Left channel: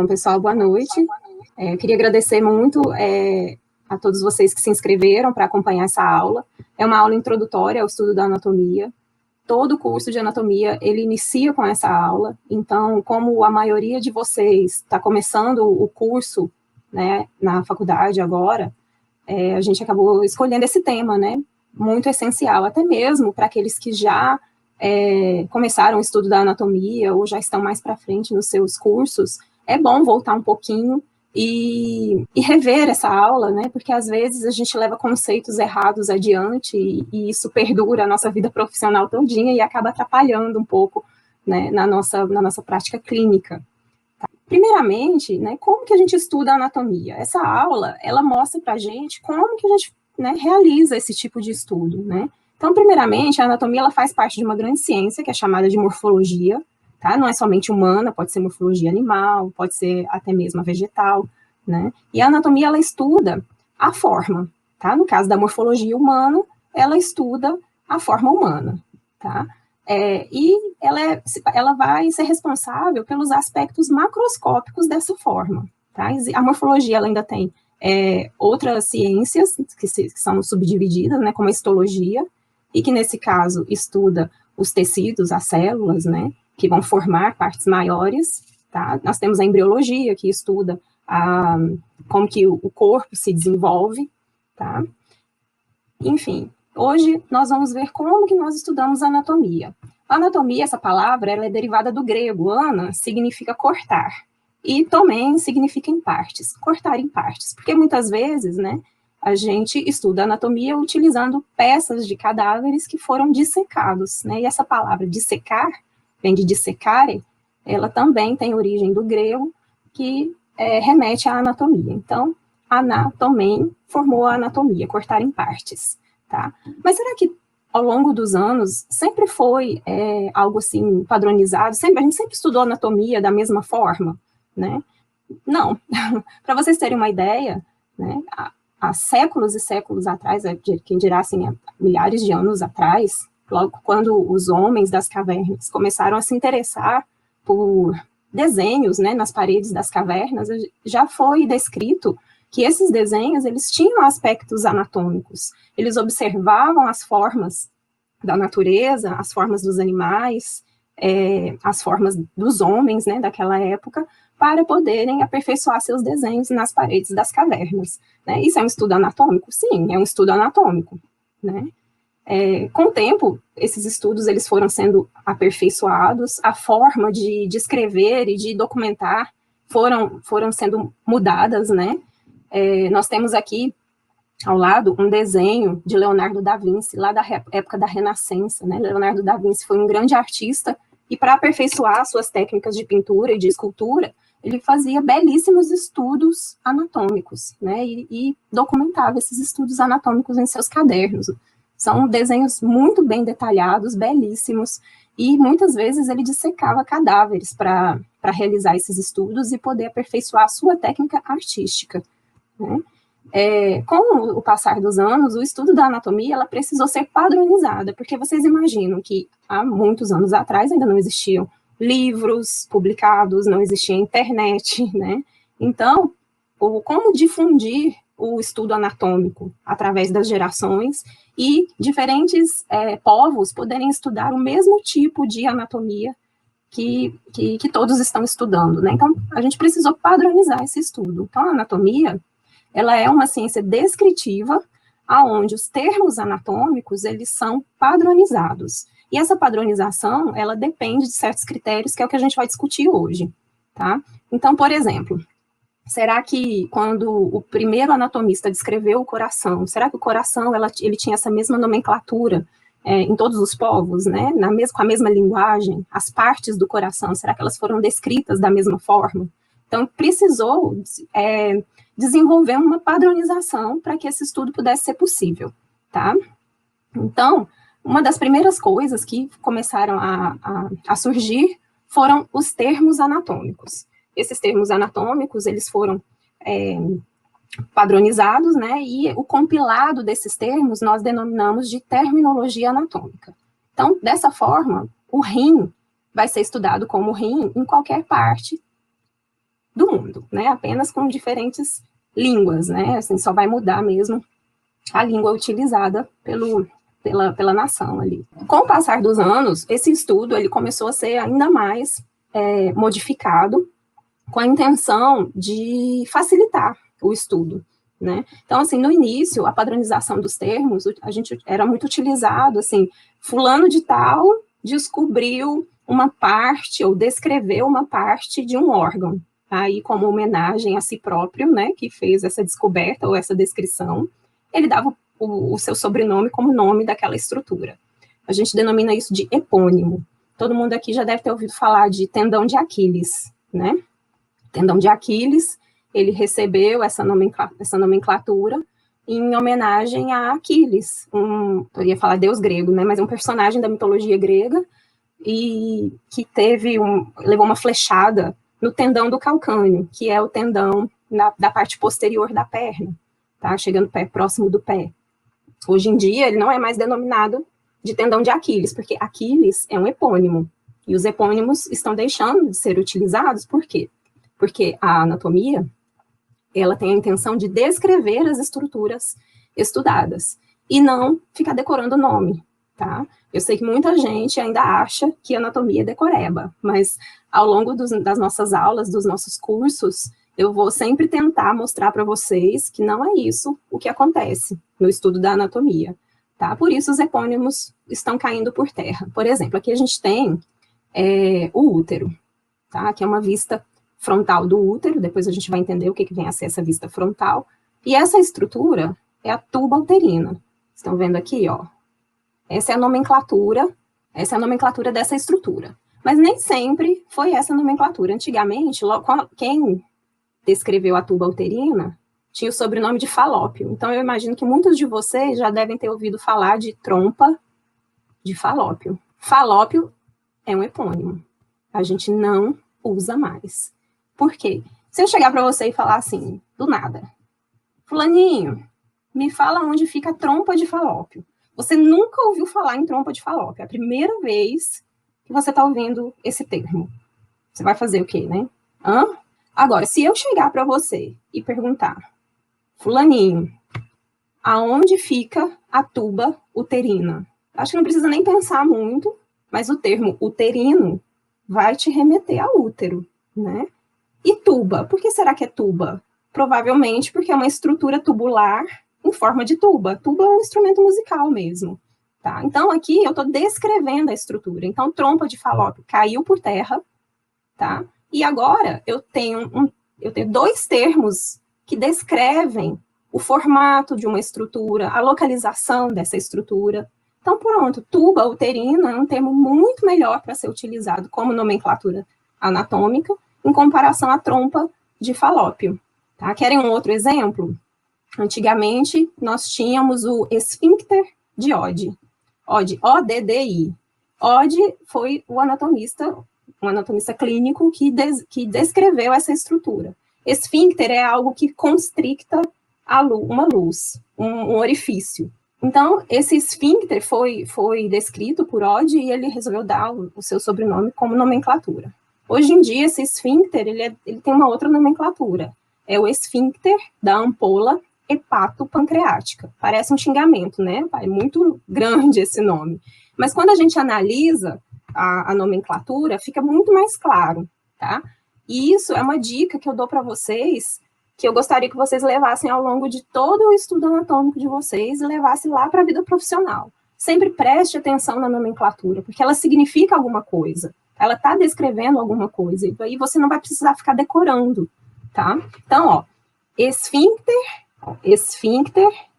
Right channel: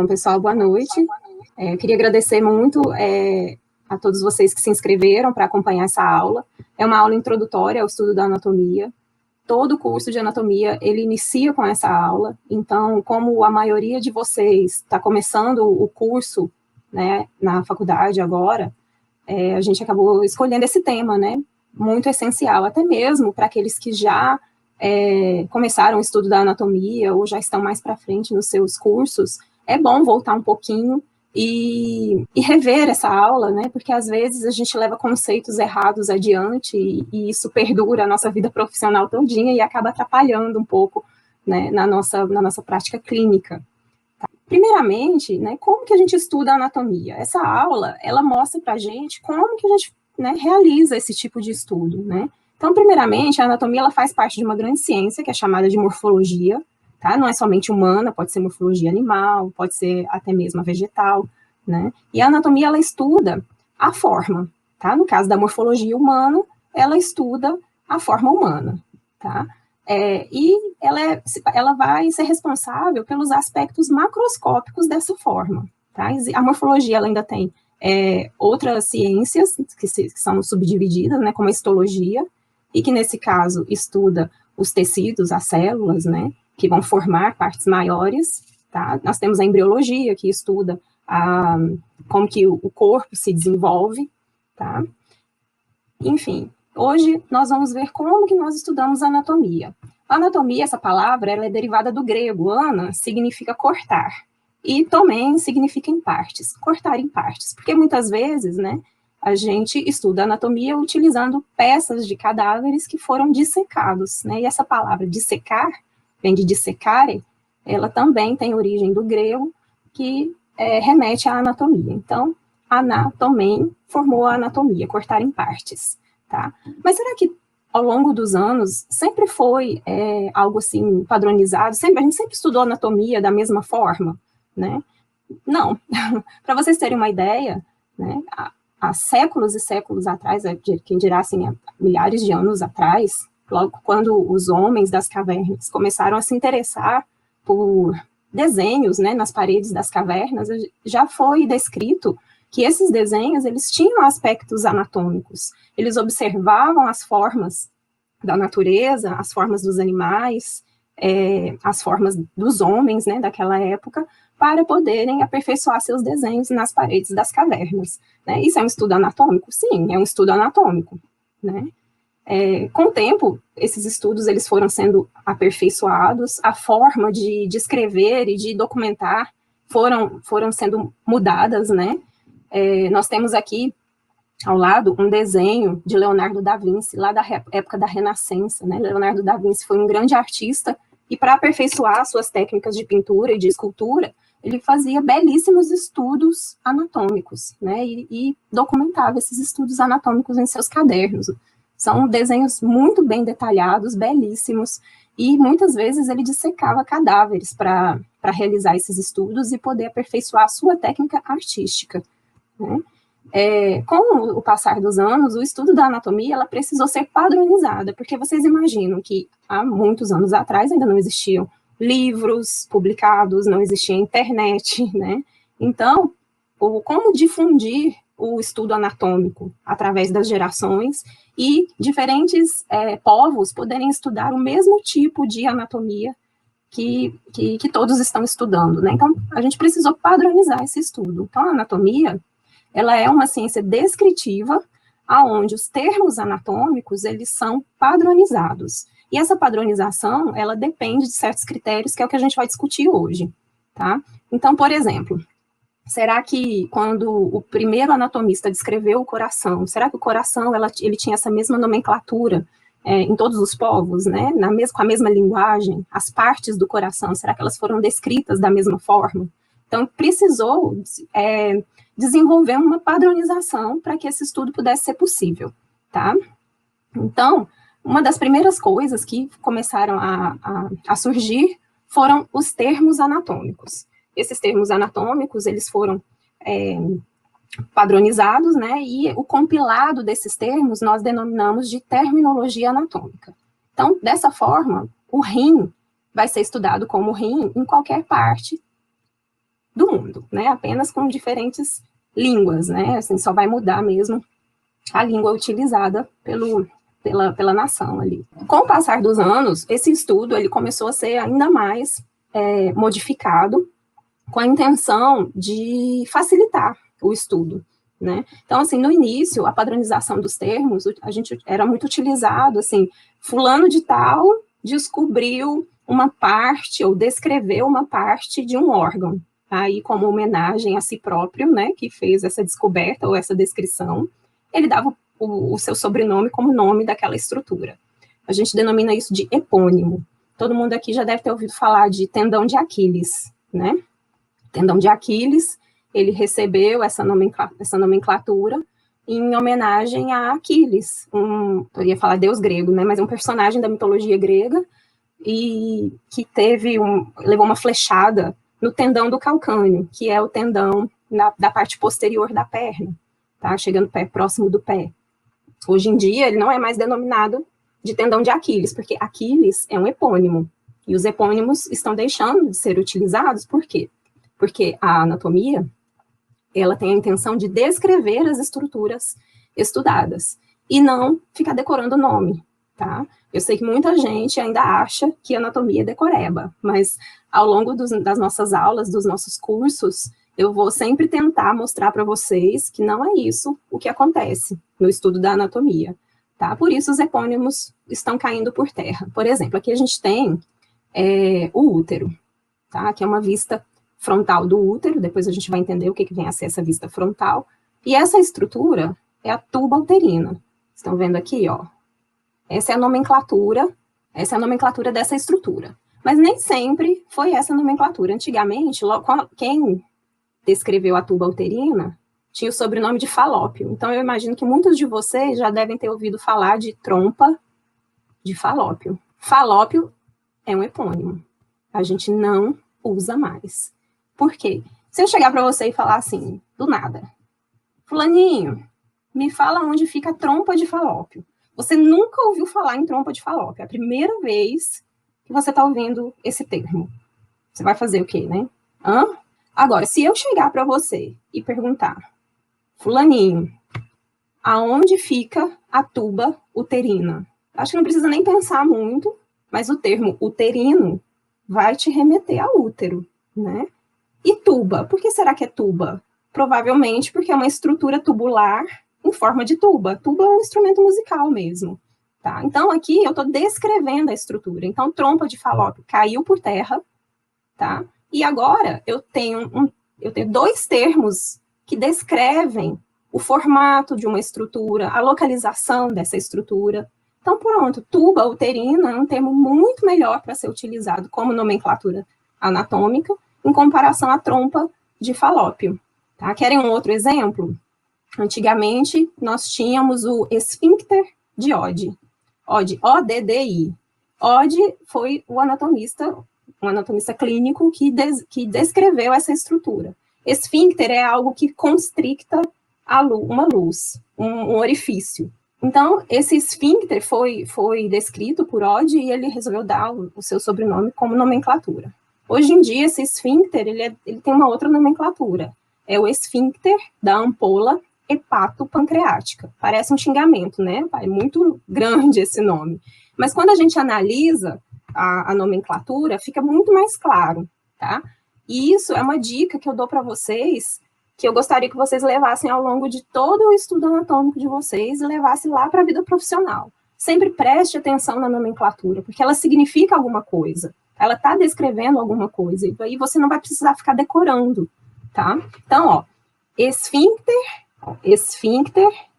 Bom, pessoal, boa noite. Eu queria agradecer muito a todos vocês que se inscreveram para acompanhar essa aula. É uma aula introdutória ao estudo da anatomia. Todo curso de anatomia, ele inicia com essa aula. Então, como a maioria de vocês está começando o curso, né, na faculdade agora, a gente acabou escolhendo esse tema, né, muito essencial, até mesmo para aqueles que já começaram o estudo da anatomia ou já estão mais para frente nos seus cursos. É bom voltar um pouquinho e rever essa aula, né, porque às vezes a gente leva conceitos errados adiante e isso perdura a nossa vida profissional todinha e acaba atrapalhando um pouco, né, na nossa prática clínica. Tá? Primeiramente, né, como que a gente estuda a anatomia? Essa aula, ela mostra para a gente como que a gente, né, realiza esse tipo de estudo, né? Então, primeiramente, a anatomia ela faz parte de uma grande ciência, que é chamada de morfologia, tá? Não é somente humana, pode ser morfologia animal, pode ser até mesmo vegetal, né? E a anatomia, ela estuda a forma, tá? No caso da morfologia humana, ela estuda a forma humana, tá? E ela vai ser responsável pelos aspectos macroscópicos dessa forma, tá? A morfologia, ela ainda tem outras ciências que são subdivididas, né? Como a histologia, e que, nesse caso, estuda os tecidos, as células, né, que vão formar partes maiores, tá? Nós temos a embriologia, que estuda como que o corpo se desenvolve, tá? Enfim, hoje nós vamos ver como que nós estudamos a anatomia. A anatomia, essa palavra, ela é derivada do grego. Ana significa cortar, e tomen significa em partes, cortar em partes, porque muitas vezes, né, a gente estuda anatomia utilizando peças de cadáveres que foram dissecados, né? E essa palavra dissecar, vem de dissecare, ela também tem origem do grego, que remete à anatomia. Então, anatomen formou a anatomia, cortar em partes, tá? Mas será que ao longo dos anos sempre foi algo assim padronizado? A gente sempre estudou anatomia da mesma forma, né? Não. Para vocês terem uma ideia, né, há séculos e séculos atrás, quem dirá assim, há milhares de anos atrás, logo quando os homens das cavernas começaram a se interessar por desenhos, né, nas paredes das cavernas, já foi descrito que esses desenhos, eles tinham aspectos anatômicos, eles observavam as formas da natureza, as formas dos animais, as formas dos homens, né, daquela época, para poderem aperfeiçoar seus desenhos nas paredes das cavernas. Né? Isso é um estudo anatômico? Sim, é um estudo anatômico. Né? Com o tempo, esses estudos eles foram sendo aperfeiçoados, a forma de escrever e de documentar foram sendo mudadas. Né? Nós temos aqui, ao lado, um desenho de Leonardo da Vinci, lá da época da Renascença. Né? Leonardo da Vinci foi um grande artista, e para aperfeiçoar suas técnicas de pintura e de escultura, ele fazia belíssimos estudos anatômicos, né, e documentava esses estudos anatômicos em seus cadernos. São desenhos muito bem detalhados, belíssimos, e muitas vezes ele dissecava cadáveres para realizar esses estudos e poder aperfeiçoar a sua técnica artística. Né. Com o passar dos anos, o estudo da anatomia ela precisou ser padronizada, porque vocês imaginam que há muitos anos atrás ainda não existiam livros publicados, não existia internet, né? Então, como difundir o estudo anatômico através das gerações e diferentes povos poderem estudar o mesmo tipo de anatomia que todos estão estudando, né? Então, a gente precisou padronizar esse estudo. Então, a anatomia, ela é uma ciência descritiva, aonde os termos anatômicos, eles são padronizados. E essa padronização, ela depende de certos critérios, que é o que a gente vai discutir hoje, tá? Então, por exemplo, será que quando o primeiro anatomista descreveu o coração, será que o coração, ele tinha essa mesma nomenclatura em todos os povos, né? Com a mesma linguagem? As partes do coração, será que elas foram descritas da mesma forma? Então, precisou desenvolver uma padronização para que esse estudo pudesse ser possível, tá? Então, uma das primeiras coisas que começaram a surgir foram os termos anatômicos. Esses termos anatômicos, eles foram padronizados, né, e o compilado desses termos nós denominamos de terminologia anatômica. Então, dessa forma, o rim vai ser estudado como rim em qualquer parte do mundo, né? Apenas com diferentes línguas, né? Assim, só vai mudar mesmo a língua utilizada pela nação ali. Com o passar dos anos, esse estudo ele começou a ser ainda mais modificado com a intenção de facilitar o estudo, né? Então, assim, no início, a padronização dos termos, a gente era muito utilizado, assim, fulano de tal descobriu uma parte, ou descreveu uma parte de um órgão, aí como homenagem a si próprio, né, que fez essa descoberta ou essa descrição, ele dava o seu sobrenome como nome daquela estrutura. A gente denomina isso de epônimo. Todo mundo aqui já deve ter ouvido falar de tendão de Aquiles, né? Tendão de Aquiles, ele recebeu essa nomenclatura em homenagem a Aquiles, eu ia falar deus grego, né, mas um personagem da mitologia grega, e que levou uma flechada no tendão do calcâneo, que é o tendão da parte posterior da perna, tá? Chegando próximo do pé. Hoje em dia, ele não é mais denominado de tendão de Aquiles, porque Aquiles é um epônimo, e os epônimos estão deixando de ser utilizados, por quê? Porque a anatomia, ela tem a intenção de descrever as estruturas estudadas, e não ficar decorando o nome, tá? Eu sei que muita gente ainda acha que anatomia é decoreba, mas ao longo das nossas aulas, dos nossos cursos, eu vou sempre tentar mostrar para vocês que não é isso o que acontece no estudo da anatomia, tá? Por isso os epônimos estão caindo por terra. Por exemplo, aqui a gente tem o útero, tá? Que é uma vista frontal do útero, depois a gente vai entender o que vem a ser essa vista frontal, e essa estrutura é a tuba uterina. Estão vendo aqui, ó? Essa é a nomenclatura dessa estrutura. Mas nem sempre foi essa nomenclatura. Antigamente, quem descreveu a tuba uterina tinha o sobrenome de Falópio. Então, eu imagino que muitos de vocês já devem ter ouvido falar de trompa de Falópio. Falópio é um epônimo. A gente não usa mais. Por quê? Se eu chegar para você e falar assim, do nada, fulaninho, me fala onde fica a trompa de Falópio. Você nunca ouviu falar em trompa de Falópio. É a primeira vez que você está ouvindo esse termo. Você vai fazer o quê, né? Agora, se eu chegar para você e perguntar, fulaninho, aonde fica a tuba uterina? Acho que não precisa nem pensar muito, mas o termo uterino vai te remeter a útero, né? E tuba? Por que será que é tuba? Provavelmente porque é uma estrutura tubular em forma de tuba. Tuba é um instrumento musical mesmo, tá? Então, aqui eu estou descrevendo a estrutura. Então, trompa de Falópio caiu por terra, tá? E agora eu tenho dois termos que descrevem o formato de uma estrutura, a localização dessa estrutura. Então, pronto, tuba uterina é um termo muito melhor para ser utilizado como nomenclatura anatômica em comparação à trompa de Falópio. Tá? Querem um outro exemplo? Antigamente, nós tínhamos o esfíncter de Oddi. Oddi, O-D-D-I. Oddi foi um anatomista clínico que descreveu essa estrutura. Esfíncter é algo que constricta uma luz, um orifício. Então, esse esfíncter foi descrito por Oddi e ele resolveu dar o seu sobrenome como nomenclatura. Hoje em dia, esse esfíncter ele tem uma outra nomenclatura. É o esfíncter da ampola hepatopancreática. Parece um xingamento, né? É muito grande esse nome. Mas quando a gente analisa a nomenclatura, fica muito mais claro, tá? E isso é uma dica que eu dou para vocês, que eu gostaria que vocês levassem ao longo de todo o estudo anatômico de vocês e levassem lá para a vida profissional. Sempre preste atenção na nomenclatura, porque ela significa alguma coisa. Ela está descrevendo alguma coisa, e aí você não vai precisar ficar decorando, tá? Então, ó, esfíncter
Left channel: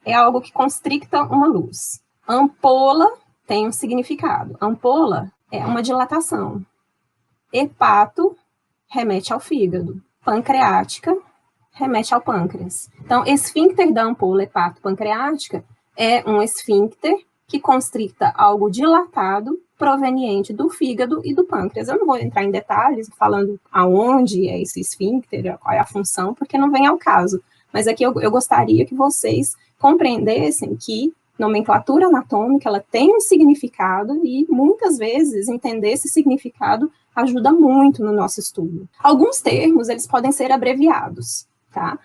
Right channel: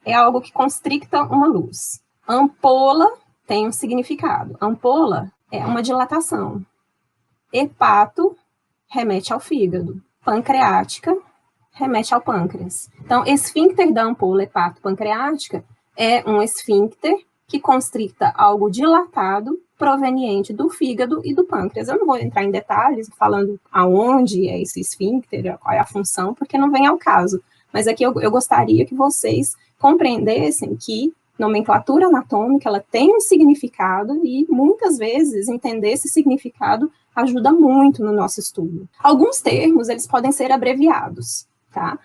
é algo que constricta uma luz. Ampola tem um significado. Ampola é uma dilatação. Hepato remete ao fígado. Pancreática remete ao pâncreas. Então, esfíncter da ampola hepatopancreática é um esfíncter que constricta algo dilatado proveniente do fígado e do pâncreas. Eu não vou entrar em detalhes falando aonde é esse esfíncter, qual é a função, porque não vem ao caso. Mas aqui eu gostaria que vocês compreendessem que nomenclatura anatômica, ela tem um significado e, muitas vezes, entender esse significado ajuda muito no nosso estudo. Alguns termos, eles podem ser abreviados, tá?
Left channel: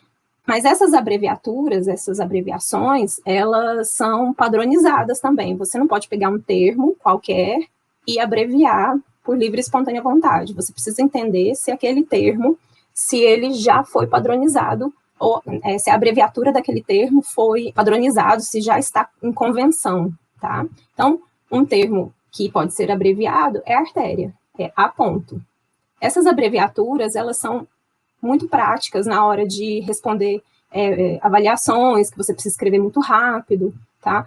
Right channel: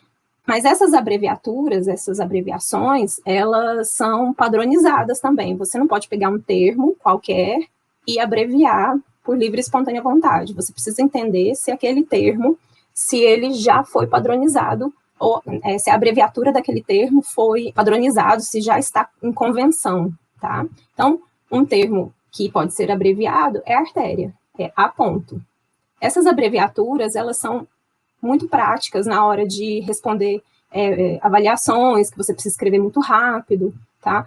Mas essas abreviaturas, essas abreviações, elas são padronizadas também. Você não pode pegar um termo qualquer e abreviar por livre e espontânea vontade. Você precisa entender se aquele termo, se ele já foi padronizado, ou se a abreviatura daquele termo foi padronizado, se já está em convenção, tá? Então, um termo que pode ser abreviado é artéria, é A ponto. Essas abreviaturas, elas são muito práticas na hora de responder avaliações, que você precisa escrever muito rápido, tá?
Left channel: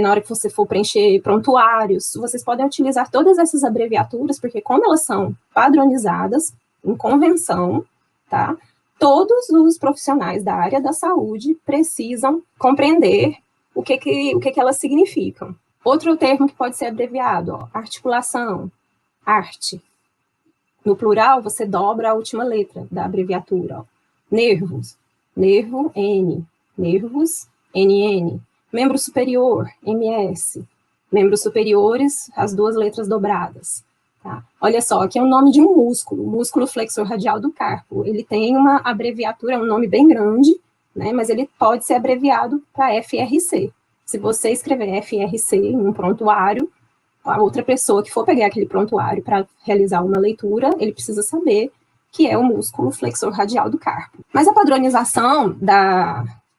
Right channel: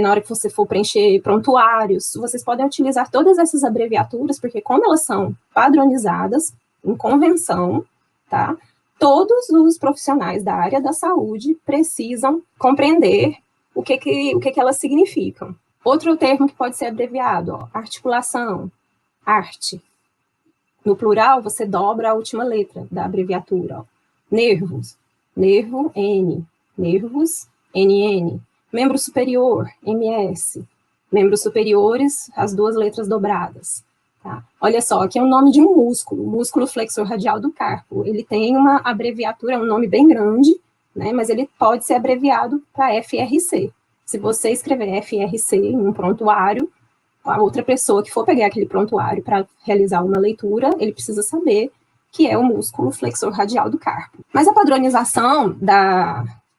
Na hora que você for preencher prontuários, vocês podem utilizar todas essas abreviaturas, porque como elas são padronizadas, em convenção, tá? Todos os profissionais da área da saúde precisam compreender o que elas significam. Outro termo que pode ser abreviado, ó, articulação, arte. No plural, você dobra a última letra da abreviatura. Ó. Nervos, nervo, N. Nervos, NN. Membro superior, MS. Membros superiores, as duas letras dobradas. Tá? Olha só, aqui é o nome de um músculo flexor radial do carpo. Ele tem uma abreviatura, um nome bem grande, né, mas ele pode ser abreviado para FRC. Se você escrever FRC em um prontuário, a outra pessoa que for pegar aquele prontuário para realizar uma leitura, ele precisa saber que é o músculo flexor radial do carpo. Mas a padronização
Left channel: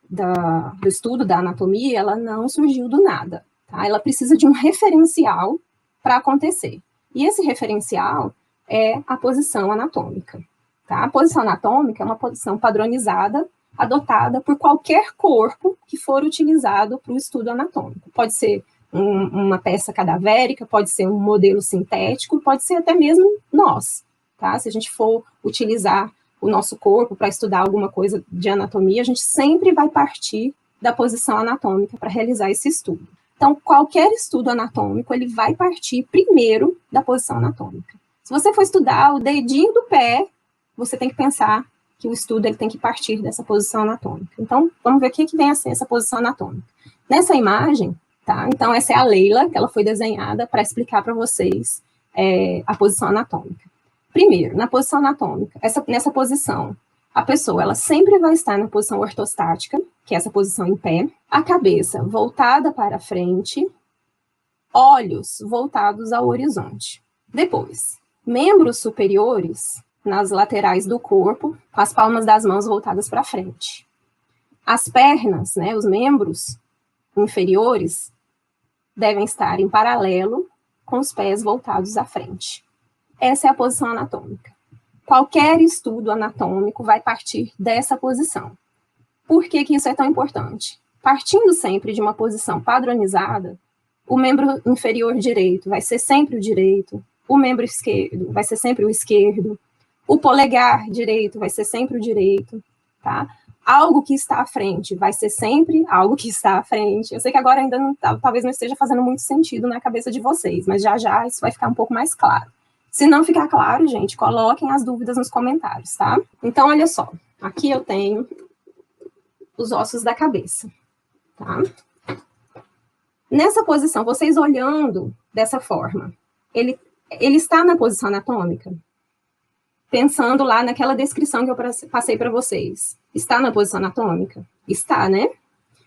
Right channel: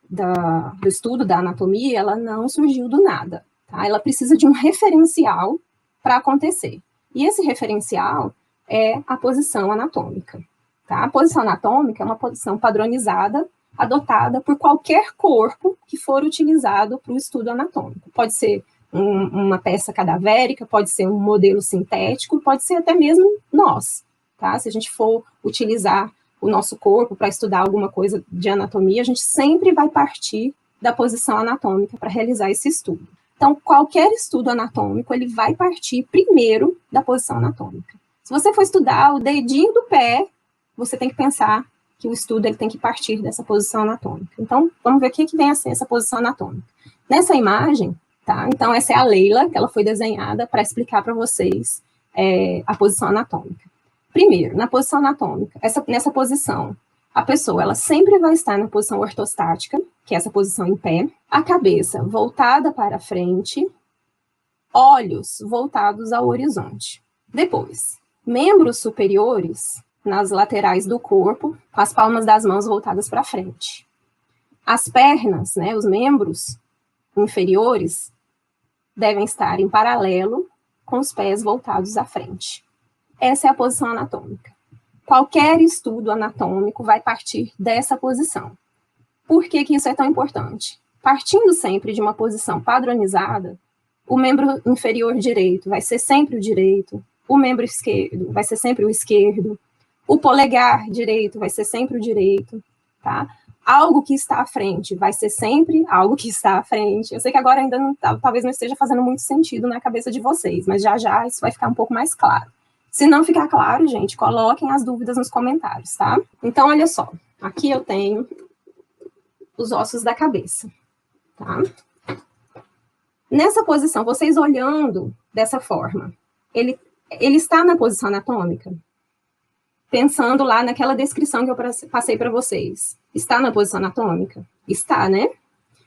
do estudo da anatomia, ela não surgiu do nada. Tá? Ela precisa de um referencial para acontecer. E esse referencial é a posição anatômica. Tá? A posição anatômica é uma posição padronizada, adotada por qualquer corpo que for utilizado para o estudo anatômico. Pode ser uma peça cadavérica, pode ser um modelo sintético, pode ser até mesmo nós. Tá? Se a gente for utilizar o nosso corpo para estudar alguma coisa de anatomia, a gente sempre vai partir da posição anatômica para realizar esse estudo. Então, qualquer estudo anatômico, ele vai partir primeiro da posição anatômica. Se você for estudar o dedinho do pé, você tem que pensar que o estudo ele tem que partir dessa posição anatômica. Então, vamos ver o que vem a ser essa posição anatômica. Nessa imagem, tá? Então, essa é a Leila, que ela foi desenhada para explicar para vocês a posição anatômica. Primeiro, na posição anatômica, nessa posição, a pessoa ela sempre vai estar na posição ortostática, que é essa posição em pé, a cabeça voltada para frente, olhos voltados ao horizonte. Depois, membros superiores nas laterais do corpo, com as palmas das mãos voltadas para frente. As pernas, né, os membros inferiores, devem estar em paralelo com os pés voltados à frente. Essa é a posição anatômica. Qualquer estudo anatômico vai partir dessa posição. Por que isso é tão importante? Partindo sempre de uma posição padronizada, o membro inferior direito vai ser sempre o direito, o membro esquerdo vai ser sempre o esquerdo, o polegar direito vai ser sempre o direito, tá? Algo que está à frente vai ser sempre algo que está à frente. Eu sei que agora ainda não, talvez não esteja fazendo muito sentido na cabeça de vocês, mas já já isso vai ficar um pouco mais claro. Se não ficar claro, gente, coloquem as dúvidas nos comentários, tá? Então, olha só. Aqui eu tenho os ossos da cabeça, tá? Nessa posição, vocês olhando dessa forma, ele está na posição anatômica? Pensando lá naquela descrição que eu passei para vocês. Está na posição anatômica? Está, né?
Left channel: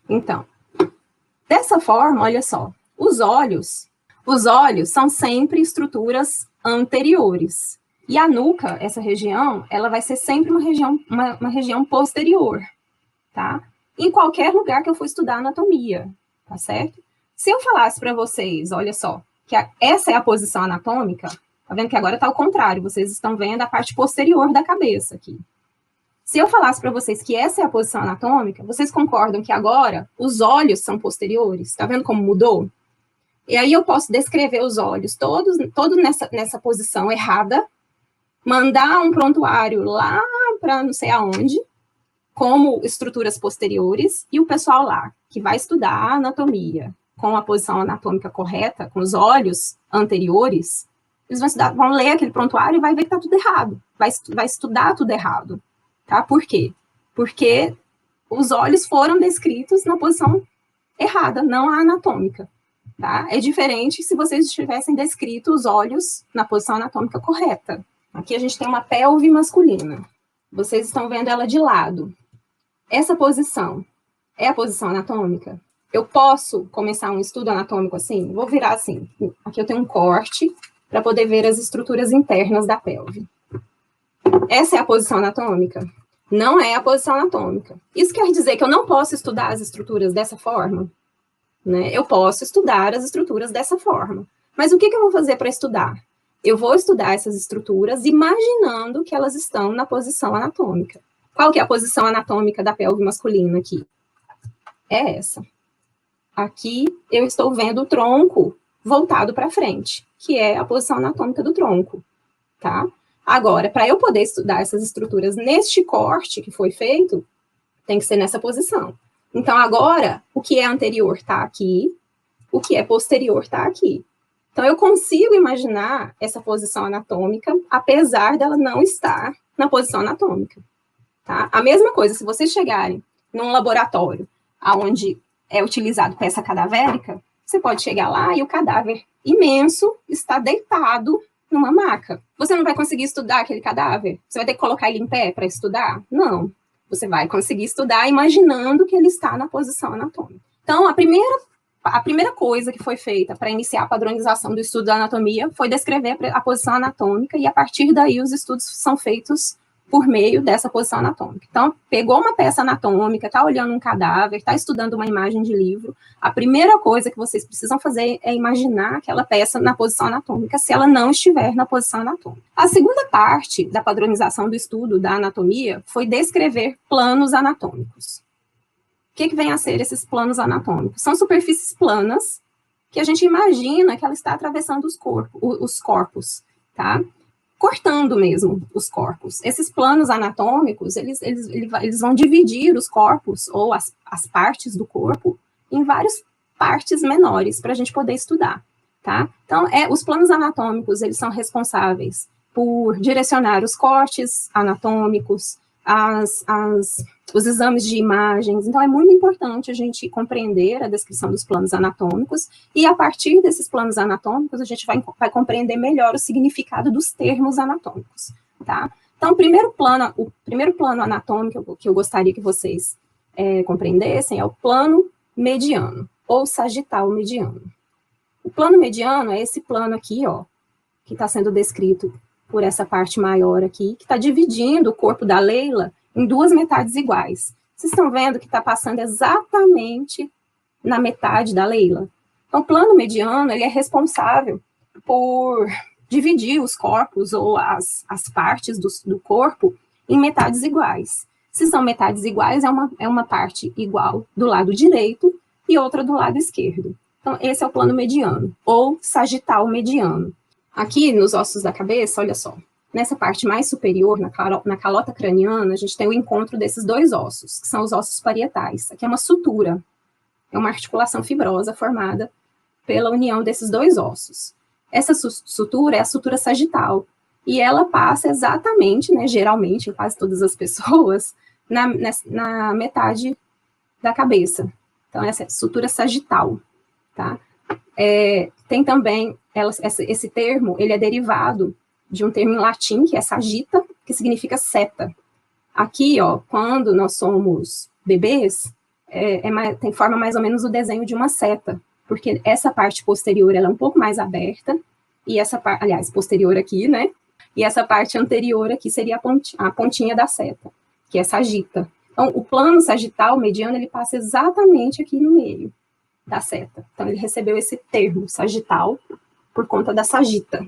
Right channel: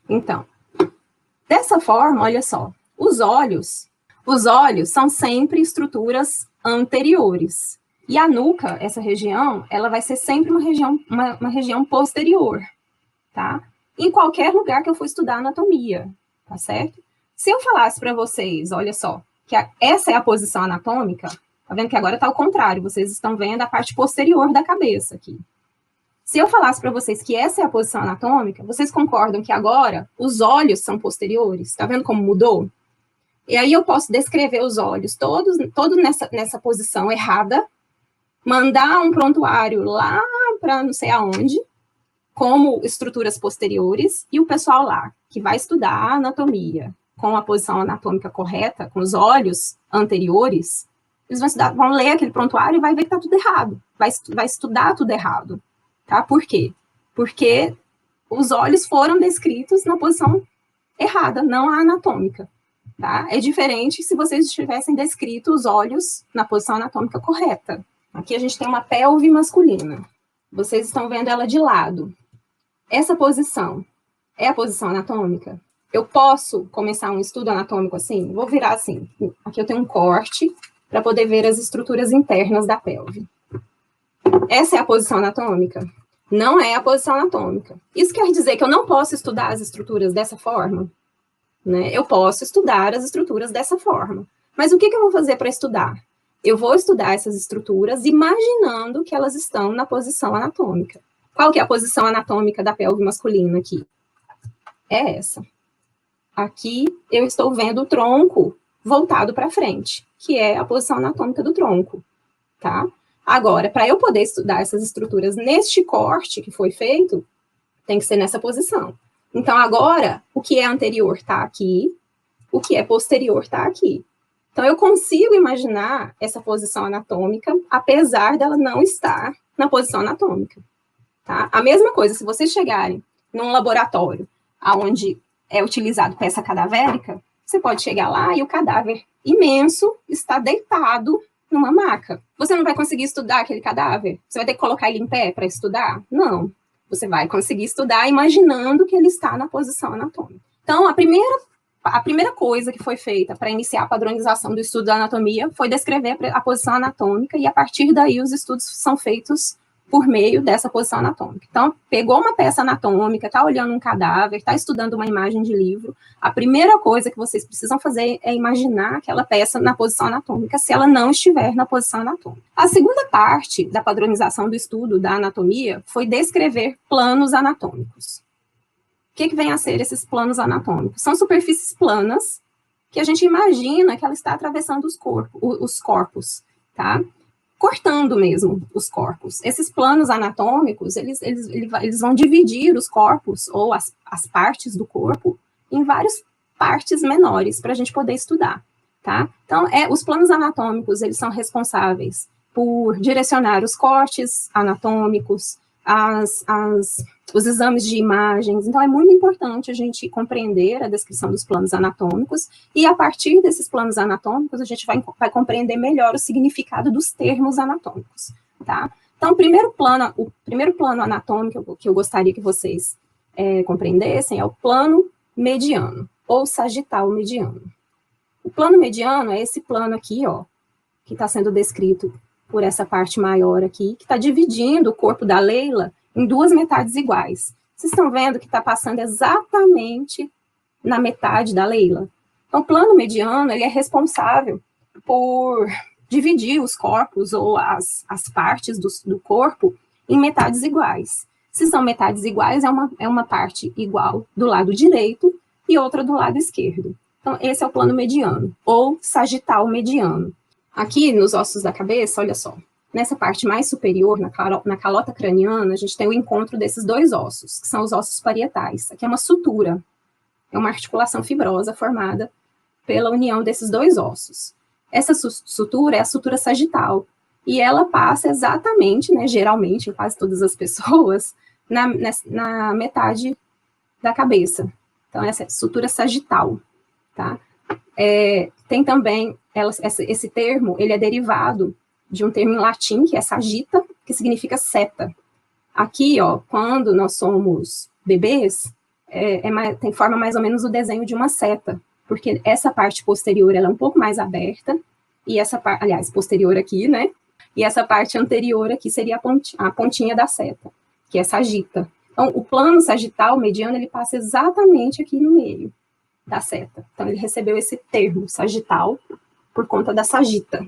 Então, dessa forma, olha só. Os olhos são sempre estruturas anteriores. E a nuca, essa região, ela vai ser sempre uma região posterior, tá? Em qualquer lugar que eu for estudar anatomia, tá certo? Se eu falasse para vocês, olha só, que essa é a posição anatômica, tá vendo que agora tá ao contrário, vocês estão vendo a parte posterior da cabeça aqui. Se eu falasse para vocês que essa é a posição anatômica, vocês concordam que agora os olhos são posteriores? Tá vendo como mudou? E aí eu posso descrever os olhos todos nessa posição errada, mandar um prontuário lá para não sei aonde, como estruturas posteriores, e o pessoal lá, que vai estudar a anatomia com a posição anatômica correta, com os olhos anteriores, eles vão ler aquele prontuário e vai ver que está tudo errado, vai estudar tudo errado. Tá? Por quê? Porque os olhos foram descritos na posição errada, não a anatômica, tá? É diferente se vocês tivessem descrito os olhos na posição anatômica correta. Aqui a gente tem uma pelve masculina. Vocês estão vendo ela de lado. Essa posição é a posição anatômica? Eu posso começar um estudo anatômico assim? Vou virar assim. Aqui eu tenho um corte para poder ver as estruturas internas da pelve. Essa é a posição anatômica? Não é a posição anatômica. Isso quer dizer que eu não posso estudar as estruturas dessa forma? Né? Eu posso estudar as estruturas dessa forma. Mas o que eu vou fazer para estudar? Eu vou estudar essas estruturas imaginando que elas estão na posição anatômica. Qual que é a posição anatômica da pelve masculina aqui? É essa. Aqui eu estou vendo o tronco voltado para frente, que é a posição anatômica do tronco, tá? Agora, para eu poder estudar essas estruturas neste corte que foi feito, tem que ser nessa posição. Então, agora, o que é anterior está aqui, o que é posterior está aqui. Então, eu consigo imaginar essa posição anatômica, apesar dela não estar na posição anatômica. Tá? A mesma coisa, se vocês chegarem num laboratório onde é utilizado peça cadavérica, você pode chegar lá e o cadáver imenso está deitado numa maca. Você não vai conseguir estudar aquele cadáver? Você vai ter que colocar ele em pé para estudar? Não. Você vai conseguir estudar imaginando que ele está na posição anatômica. Então, a primeira coisa que foi feita para iniciar a padronização do estudo da anatomia foi descrever a posição anatômica, e a partir daí os estudos são feitos por meio dessa posição anatômica. Então, pegou uma peça anatômica, está olhando um cadáver, está estudando uma imagem de livro, a primeira coisa que vocês precisam fazer é imaginar aquela peça na posição anatômica, se ela não estiver na posição anatômica. A segunda parte da padronização do estudo da anatomia foi descrever planos anatômicos. O que vem a ser esses planos anatômicos? São superfícies planas que a gente imagina que ela está atravessando os corpos, tá? Cortando mesmo os corpos. Esses planos anatômicos, eles vão dividir os corpos ou as partes do corpo em várias partes menores para a gente poder estudar, tá? Então, os planos anatômicos, eles são responsáveis por direcionar os cortes anatômicos, os exames de imagens. Então, é muito importante a gente compreender a descrição dos planos anatômicos, e a partir desses planos anatômicos, a gente vai compreender melhor o significado dos termos anatômicos, tá? Então, o primeiro plano anatômico que eu gostaria que vocês compreendessem é o plano mediano, ou sagital mediano. O plano mediano é esse plano aqui, ó, que está sendo descrito por essa parte maior aqui, que está dividindo o corpo da Leila em duas metades iguais. Vocês estão vendo que está passando exatamente na metade da Leila? Então, o plano mediano, ele é responsável por dividir os corpos ou as partes do corpo em metades iguais. Se são metades iguais, é uma parte igual do lado direito e outra do lado esquerdo. Então, esse é o plano mediano, ou sagital mediano. Aqui, nos ossos da cabeça, olha só, nessa parte mais superior, na calota craniana, a gente tem o encontro desses dois ossos, que são os ossos parietais. Aqui é uma sutura, é uma articulação fibrosa formada pela união desses dois ossos. Essa sutura é a sutura sagital, e ela passa exatamente, né, geralmente, em quase todas as pessoas, na metade da cabeça. Então, essa é a sutura sagital, tá? Tem também, esse termo, ele é derivado de um termo em latim, que é sagita, que significa seta. Aqui, ó, quando nós somos bebês, tem forma mais ou menos o desenho de uma seta, porque essa parte posterior, ela é um pouco mais aberta, e essa parte, aliás, posterior aqui, né, e essa parte anterior aqui seria a pontinha da seta, que é sagita. Então, o plano sagital mediano, ele passa exatamente aqui no meio da seta. Então, ele recebeu esse termo, sagital, por conta da sagita,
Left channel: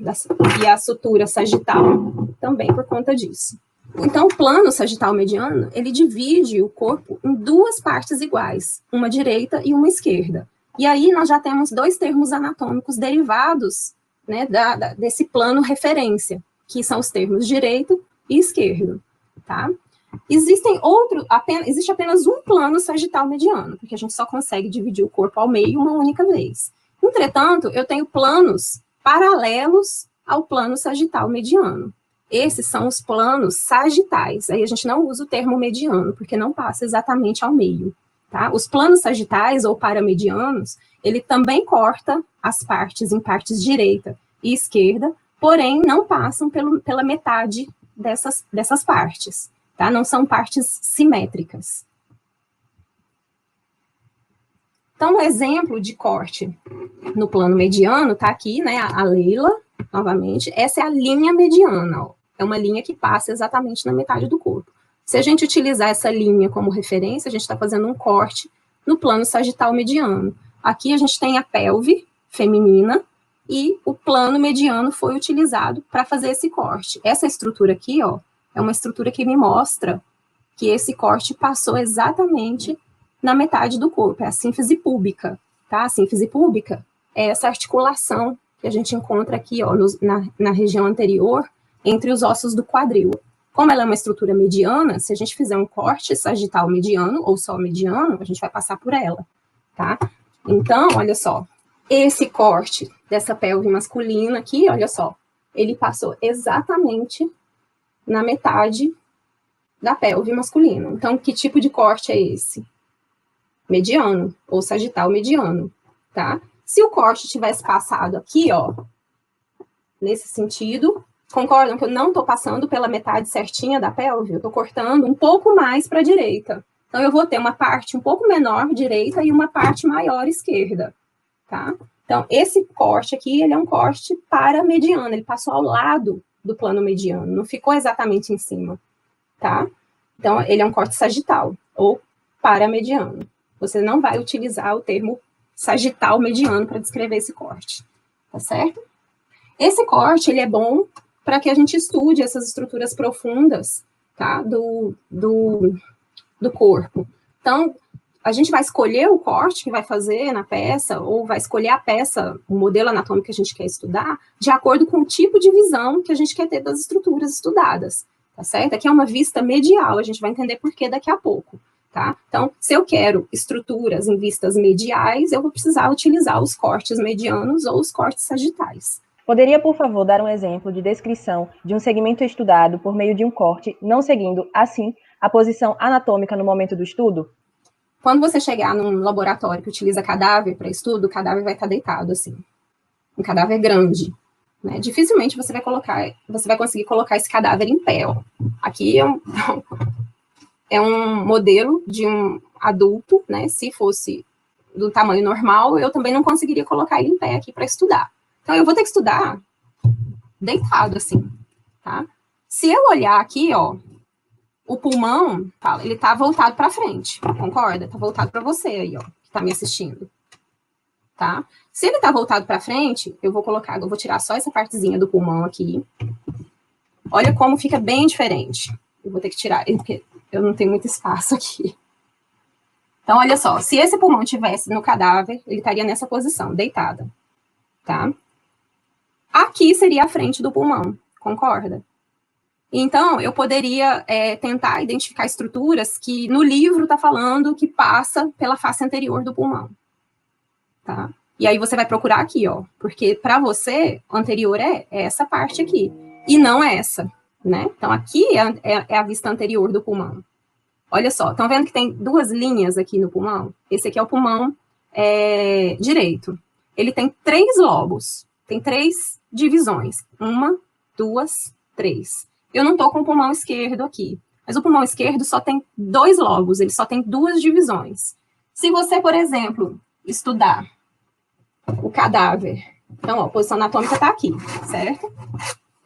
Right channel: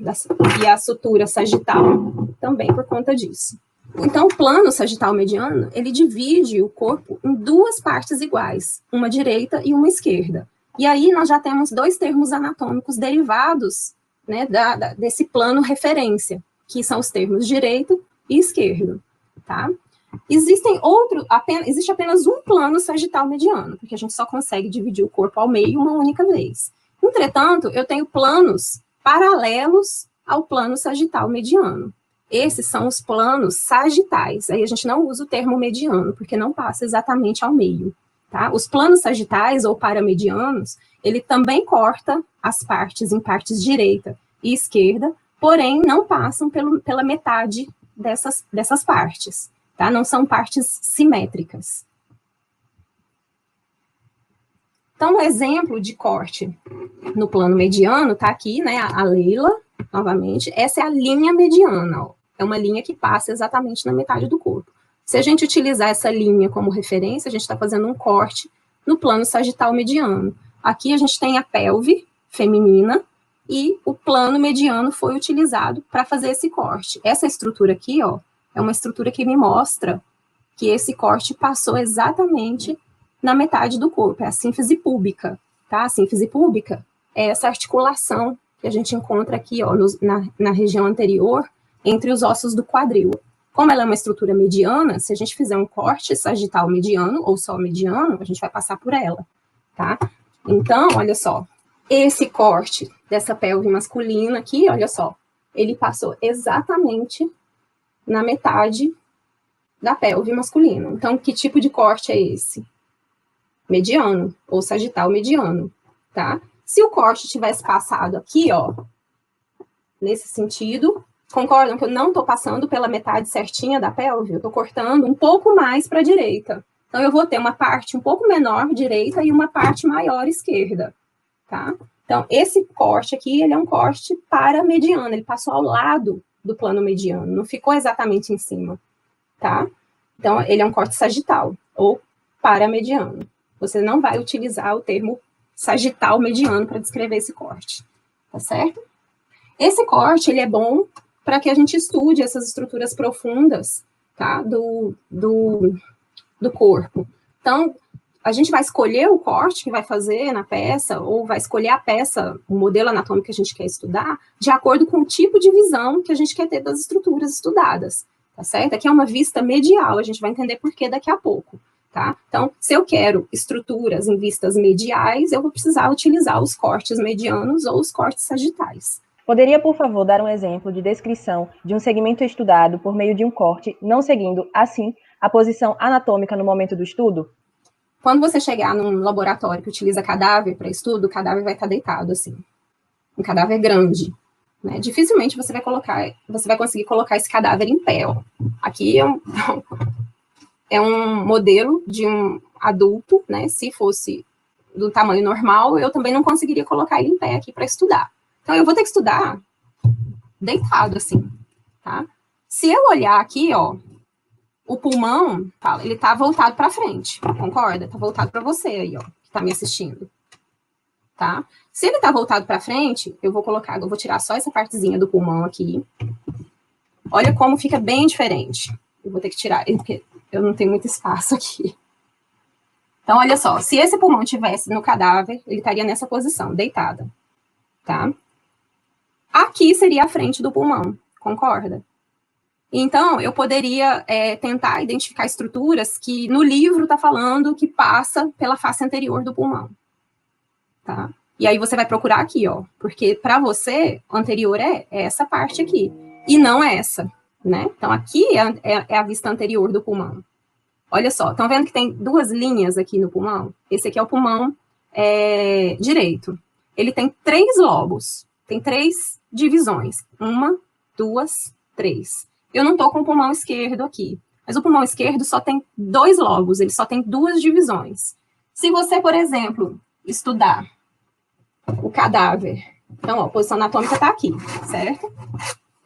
e a sutura sagital também por conta disso. Então, o plano sagital mediano, ele divide o corpo em duas partes iguais, uma direita e uma esquerda. E aí, nós já temos dois termos anatômicos derivados, né, desse plano referência, que são os termos direito e esquerdo, tá? Existe apenas um plano sagital mediano, porque a gente só consegue dividir o corpo ao meio uma única vez. Entretanto, eu tenho planos paralelos ao plano sagital mediano. Esses são os planos sagitais. Aí a gente não usa o termo mediano, porque não passa exatamente ao meio, tá? Os planos sagitais ou paramedianos, ele também corta as partes em partes direita e esquerda, porém não passam pela metade dessas partes, tá? Não são partes simétricas. Então, um exemplo de corte no plano mediano está aqui, né? A Leila, novamente, essa é a linha mediana, ó. É uma linha que passa exatamente na metade do corpo. Se a gente utilizar essa linha como referência, a gente está fazendo um corte no plano sagital mediano. Aqui a gente tem a pelve feminina e o plano mediano foi utilizado para fazer esse corte. Essa estrutura aqui, ó, é uma estrutura que me mostra que esse corte passou exatamente na metade do corpo, é a sínfise púbica, tá? A sínfise púbica é essa articulação que a gente encontra aqui, ó, na região anterior, entre os ossos do quadril. Como ela é uma estrutura mediana, se a gente fizer um corte sagital mediano, ou só mediano, a gente vai passar por ela, tá? Então, olha só, esse corte dessa pelve masculina aqui, olha só, ele passou exatamente na metade da pelve masculina. Então, que tipo de corte é esse? Mediano, ou sagital mediano, tá? Se o corte tivesse passado aqui, ó, nesse sentido, concordam que eu não estou passando pela metade certinha da pelve? Eu estou cortando um pouco mais para a direita. Então, eu vou ter uma parte um pouco menor direita e uma parte maior esquerda, tá? Então, esse corte aqui, ele é um corte paramediano, ele passou ao lado do plano mediano, não ficou exatamente em cima, tá? Então, ele é um corte sagital, ou paramediano. Você não vai utilizar o termo sagital mediano para descrever esse corte, tá certo? Esse corte, ele é bom para que a gente estude essas estruturas profundas, tá, do corpo. Então, a gente vai escolher o corte que vai fazer na peça, ou vai escolher a peça, o modelo anatômico que a gente quer estudar, de acordo com o tipo de visão que a gente quer ter das estruturas estudadas, tá certo? Aqui é uma vista medial, a gente vai entender por que daqui a pouco. Tá? Então, se eu quero estruturas em vistas mediais, eu vou precisar utilizar os cortes medianos ou os cortes sagitais. Poderia, por favor, dar um exemplo de descrição de um segmento estudado por meio de um corte, não seguindo, assim, a posição anatômica no momento do estudo? Quando você chegar num laboratório que utiliza cadáver para estudo, o cadáver vai estar deitado, assim. Um cadáver grande. Né? Dificilmente você vai conseguir colocar esse cadáver em pé. Ó. Aqui é um modelo de um adulto, né? Se fosse do tamanho normal, eu também não conseguiria colocar ele em pé aqui para estudar. Então, eu vou ter que estudar deitado, assim, tá? Se eu olhar aqui, ó, o pulmão, tá, ele tá voltado para frente, concorda? Tá voltado para você aí, ó, que tá me assistindo, tá? Se ele tá voltado para frente, eu vou tirar só essa partezinha do pulmão aqui. Olha como fica bem diferente. Eu vou ter que tirar, porque eu não tenho muito espaço aqui. Então, olha só, se esse pulmão estivesse no cadáver, ele estaria nessa posição, deitada, tá? Aqui seria a frente do pulmão, concorda? Então, eu poderia tentar identificar estruturas que no livro está falando que passa pela face anterior do pulmão, tá? E aí você vai procurar aqui, ó, porque para você, o anterior é essa parte aqui, e não essa, né? Então, aqui é a vista anterior do pulmão. Olha só, estão vendo que tem duas linhas aqui no pulmão? Esse aqui é o pulmão direito. Ele tem 3 lobos, tem 3 divisões. 1, 2, 3. Eu não estou com o pulmão esquerdo aqui, mas o pulmão esquerdo só tem 2 lobos, ele só tem 2 divisões. Se você, por exemplo, estudar o cadáver, então, ó, a posição anatômica está aqui, certo?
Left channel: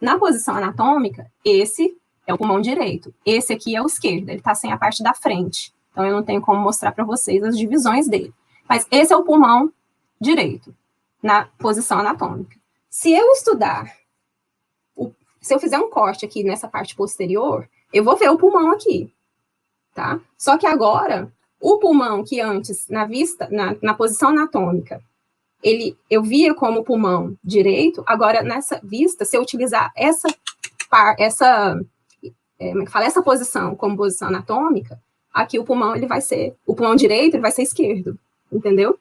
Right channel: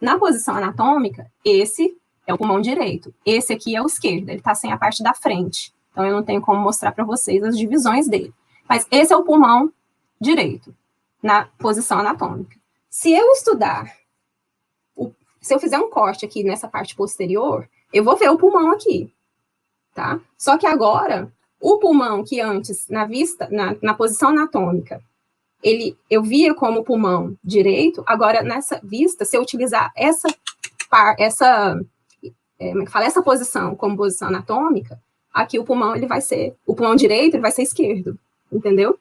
Na posição anatômica, esse é o pulmão direito. Esse aqui é o esquerdo, ele está sem a parte da frente. Então, eu não tenho como mostrar para vocês as divisões dele. Mas esse é o pulmão direito, na posição anatômica. Se eu estudar, se eu fizer um corte aqui nessa parte posterior, eu vou ver o pulmão aqui, tá? Só que agora, o pulmão que antes, na posição anatômica, eu via como pulmão direito, agora nessa vista, se eu utilizar essa posição como posição anatômica, aqui o pulmão direito ele vai ser esquerdo, entendeu?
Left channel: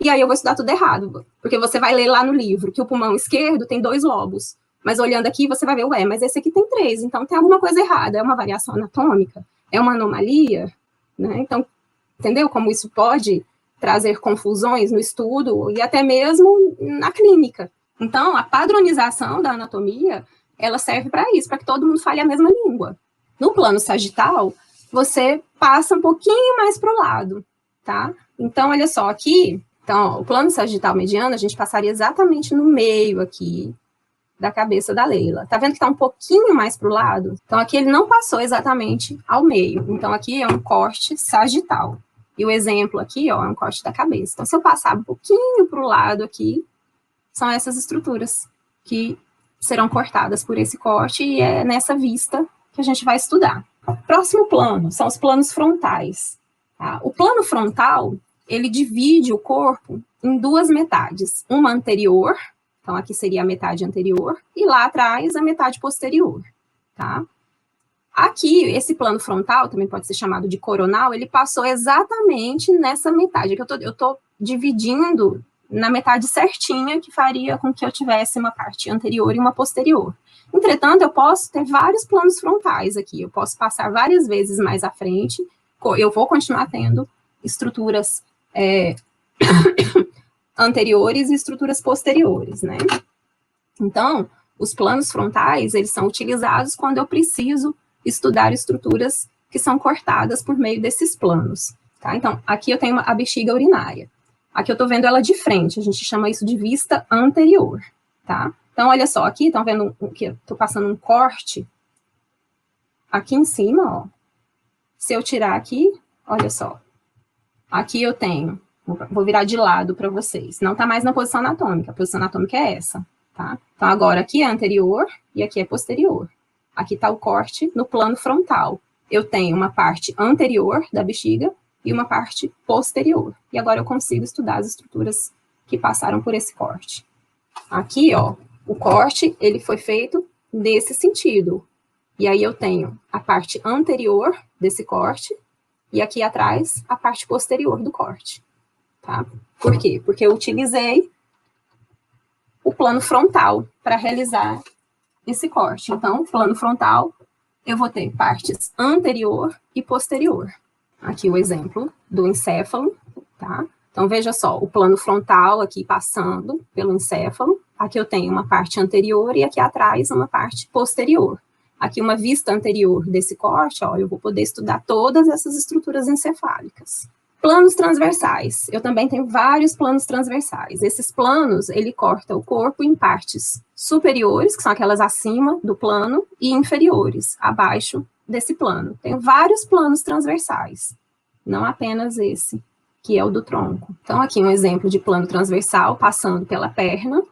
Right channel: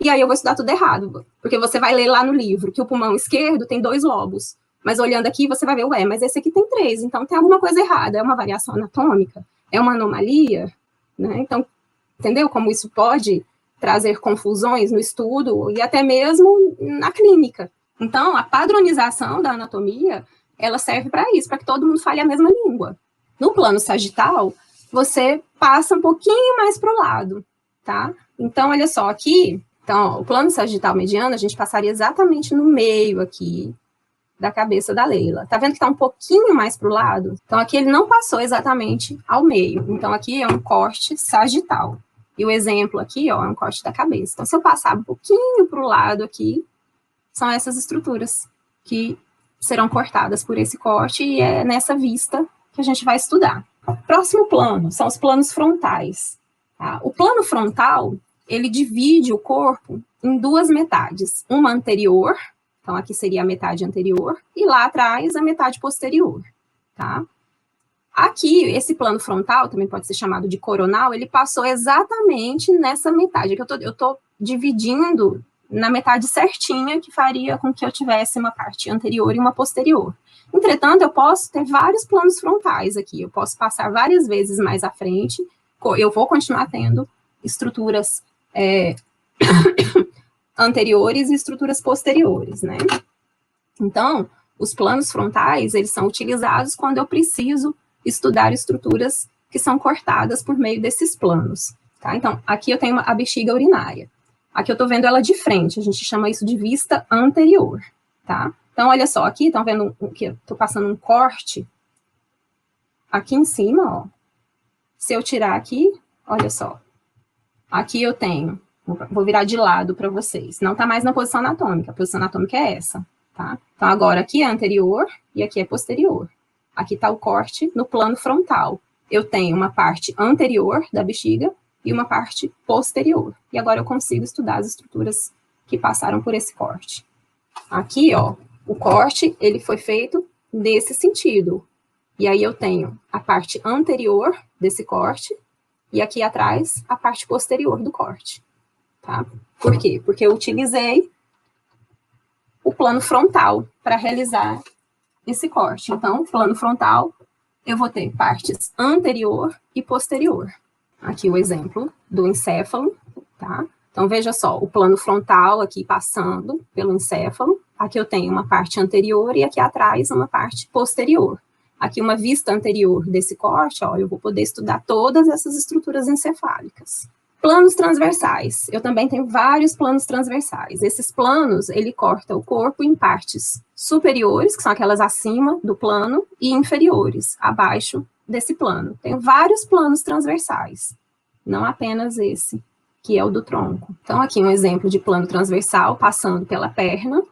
E aí eu vou estudar tudo errado, porque você vai ler lá no livro que o pulmão esquerdo tem 2 lobos, mas olhando aqui você vai ver, mas esse aqui tem 3, então tem alguma coisa errada, é uma variação anatômica, é uma anomalia, né? Então, Entendeu como isso pode trazer confusões no estudo e até mesmo na clínica? Então, a padronização da anatomia, ela serve para isso, para que todo mundo fale a mesma língua. No plano sagital, você passa um pouquinho mais para o lado, tá? Então, olha só, aqui, então, o plano sagital mediano, a gente passaria exatamente no meio aqui da cabeça da Leila. Tá vendo que tá um pouquinho mais para o lado? Então, aqui ele não passou exatamente ao meio. Então, aqui é um corte sagital. E o exemplo aqui, ó, é um corte da cabeça. Então, se eu passar um pouquinho para o lado aqui, são essas estruturas que serão cortadas por esse corte, e é nessa vista que a gente vai estudar. Próximo plano, são os planos frontais. Tá? O plano frontal, ele divide o corpo em duas metades. Uma anterior, então aqui seria a metade anterior, e lá atrás a metade posterior, tá? Aqui, esse plano frontal, também pode ser chamado de coronal, ele passou exatamente nessa metade, que eu tô dividindo na metade certinha, que faria com que eu tivesse uma parte anterior e uma posterior. Entretanto, eu posso ter vários planos frontais aqui, eu posso passar várias vezes mais à frente, eu vou continuar tendo estruturas anteriores e estruturas posteriores, né? Então, os planos frontais, eles são utilizados quando eu preciso estudar estruturas que são cortadas por meio desses planos, tá? Então, aqui eu tenho a bexiga urinária. Aqui eu tô vendo ela de frente, a gente chama isso de vista anterior, tá? Então, olha só, aqui estão vendo que eu tô passando um corte aqui em cima, ó. Se eu tirar aqui, olha só. Aqui eu tenho, vou virar de lado para vocês. Não tá mais na posição anatômica, a posição anatômica é essa, tá? Então, agora aqui é anterior e aqui é posterior. Aqui está o corte no plano frontal. Eu tenho uma parte anterior da bexiga e uma parte posterior. E agora eu consigo estudar as estruturas que passaram por esse corte. Aqui, ó, o corte, ele foi feito nesse sentido. E aí eu tenho a parte anterior desse corte e aqui atrás a parte posterior do corte, tá? Por quê? Porque eu utilizei o plano frontal para realizar esse corte. Então, plano frontal, eu vou ter partes anterior e posterior. Aqui o exemplo do encéfalo, tá? Então, veja só, o plano frontal aqui passando pelo encéfalo. Aqui eu tenho uma parte anterior e aqui atrás uma parte posterior. Aqui uma vista anterior desse corte, ó, eu vou poder estudar todas essas estruturas encefálicas. Planos transversais. Eu também tenho vários planos transversais. Esses planos, ele corta o corpo em partes superiores, que são aquelas acima do plano, e inferiores, abaixo desse plano. Tenho vários planos transversais, não apenas esse, que é o do tronco. Então, aqui um exemplo de plano transversal, passando pela perna,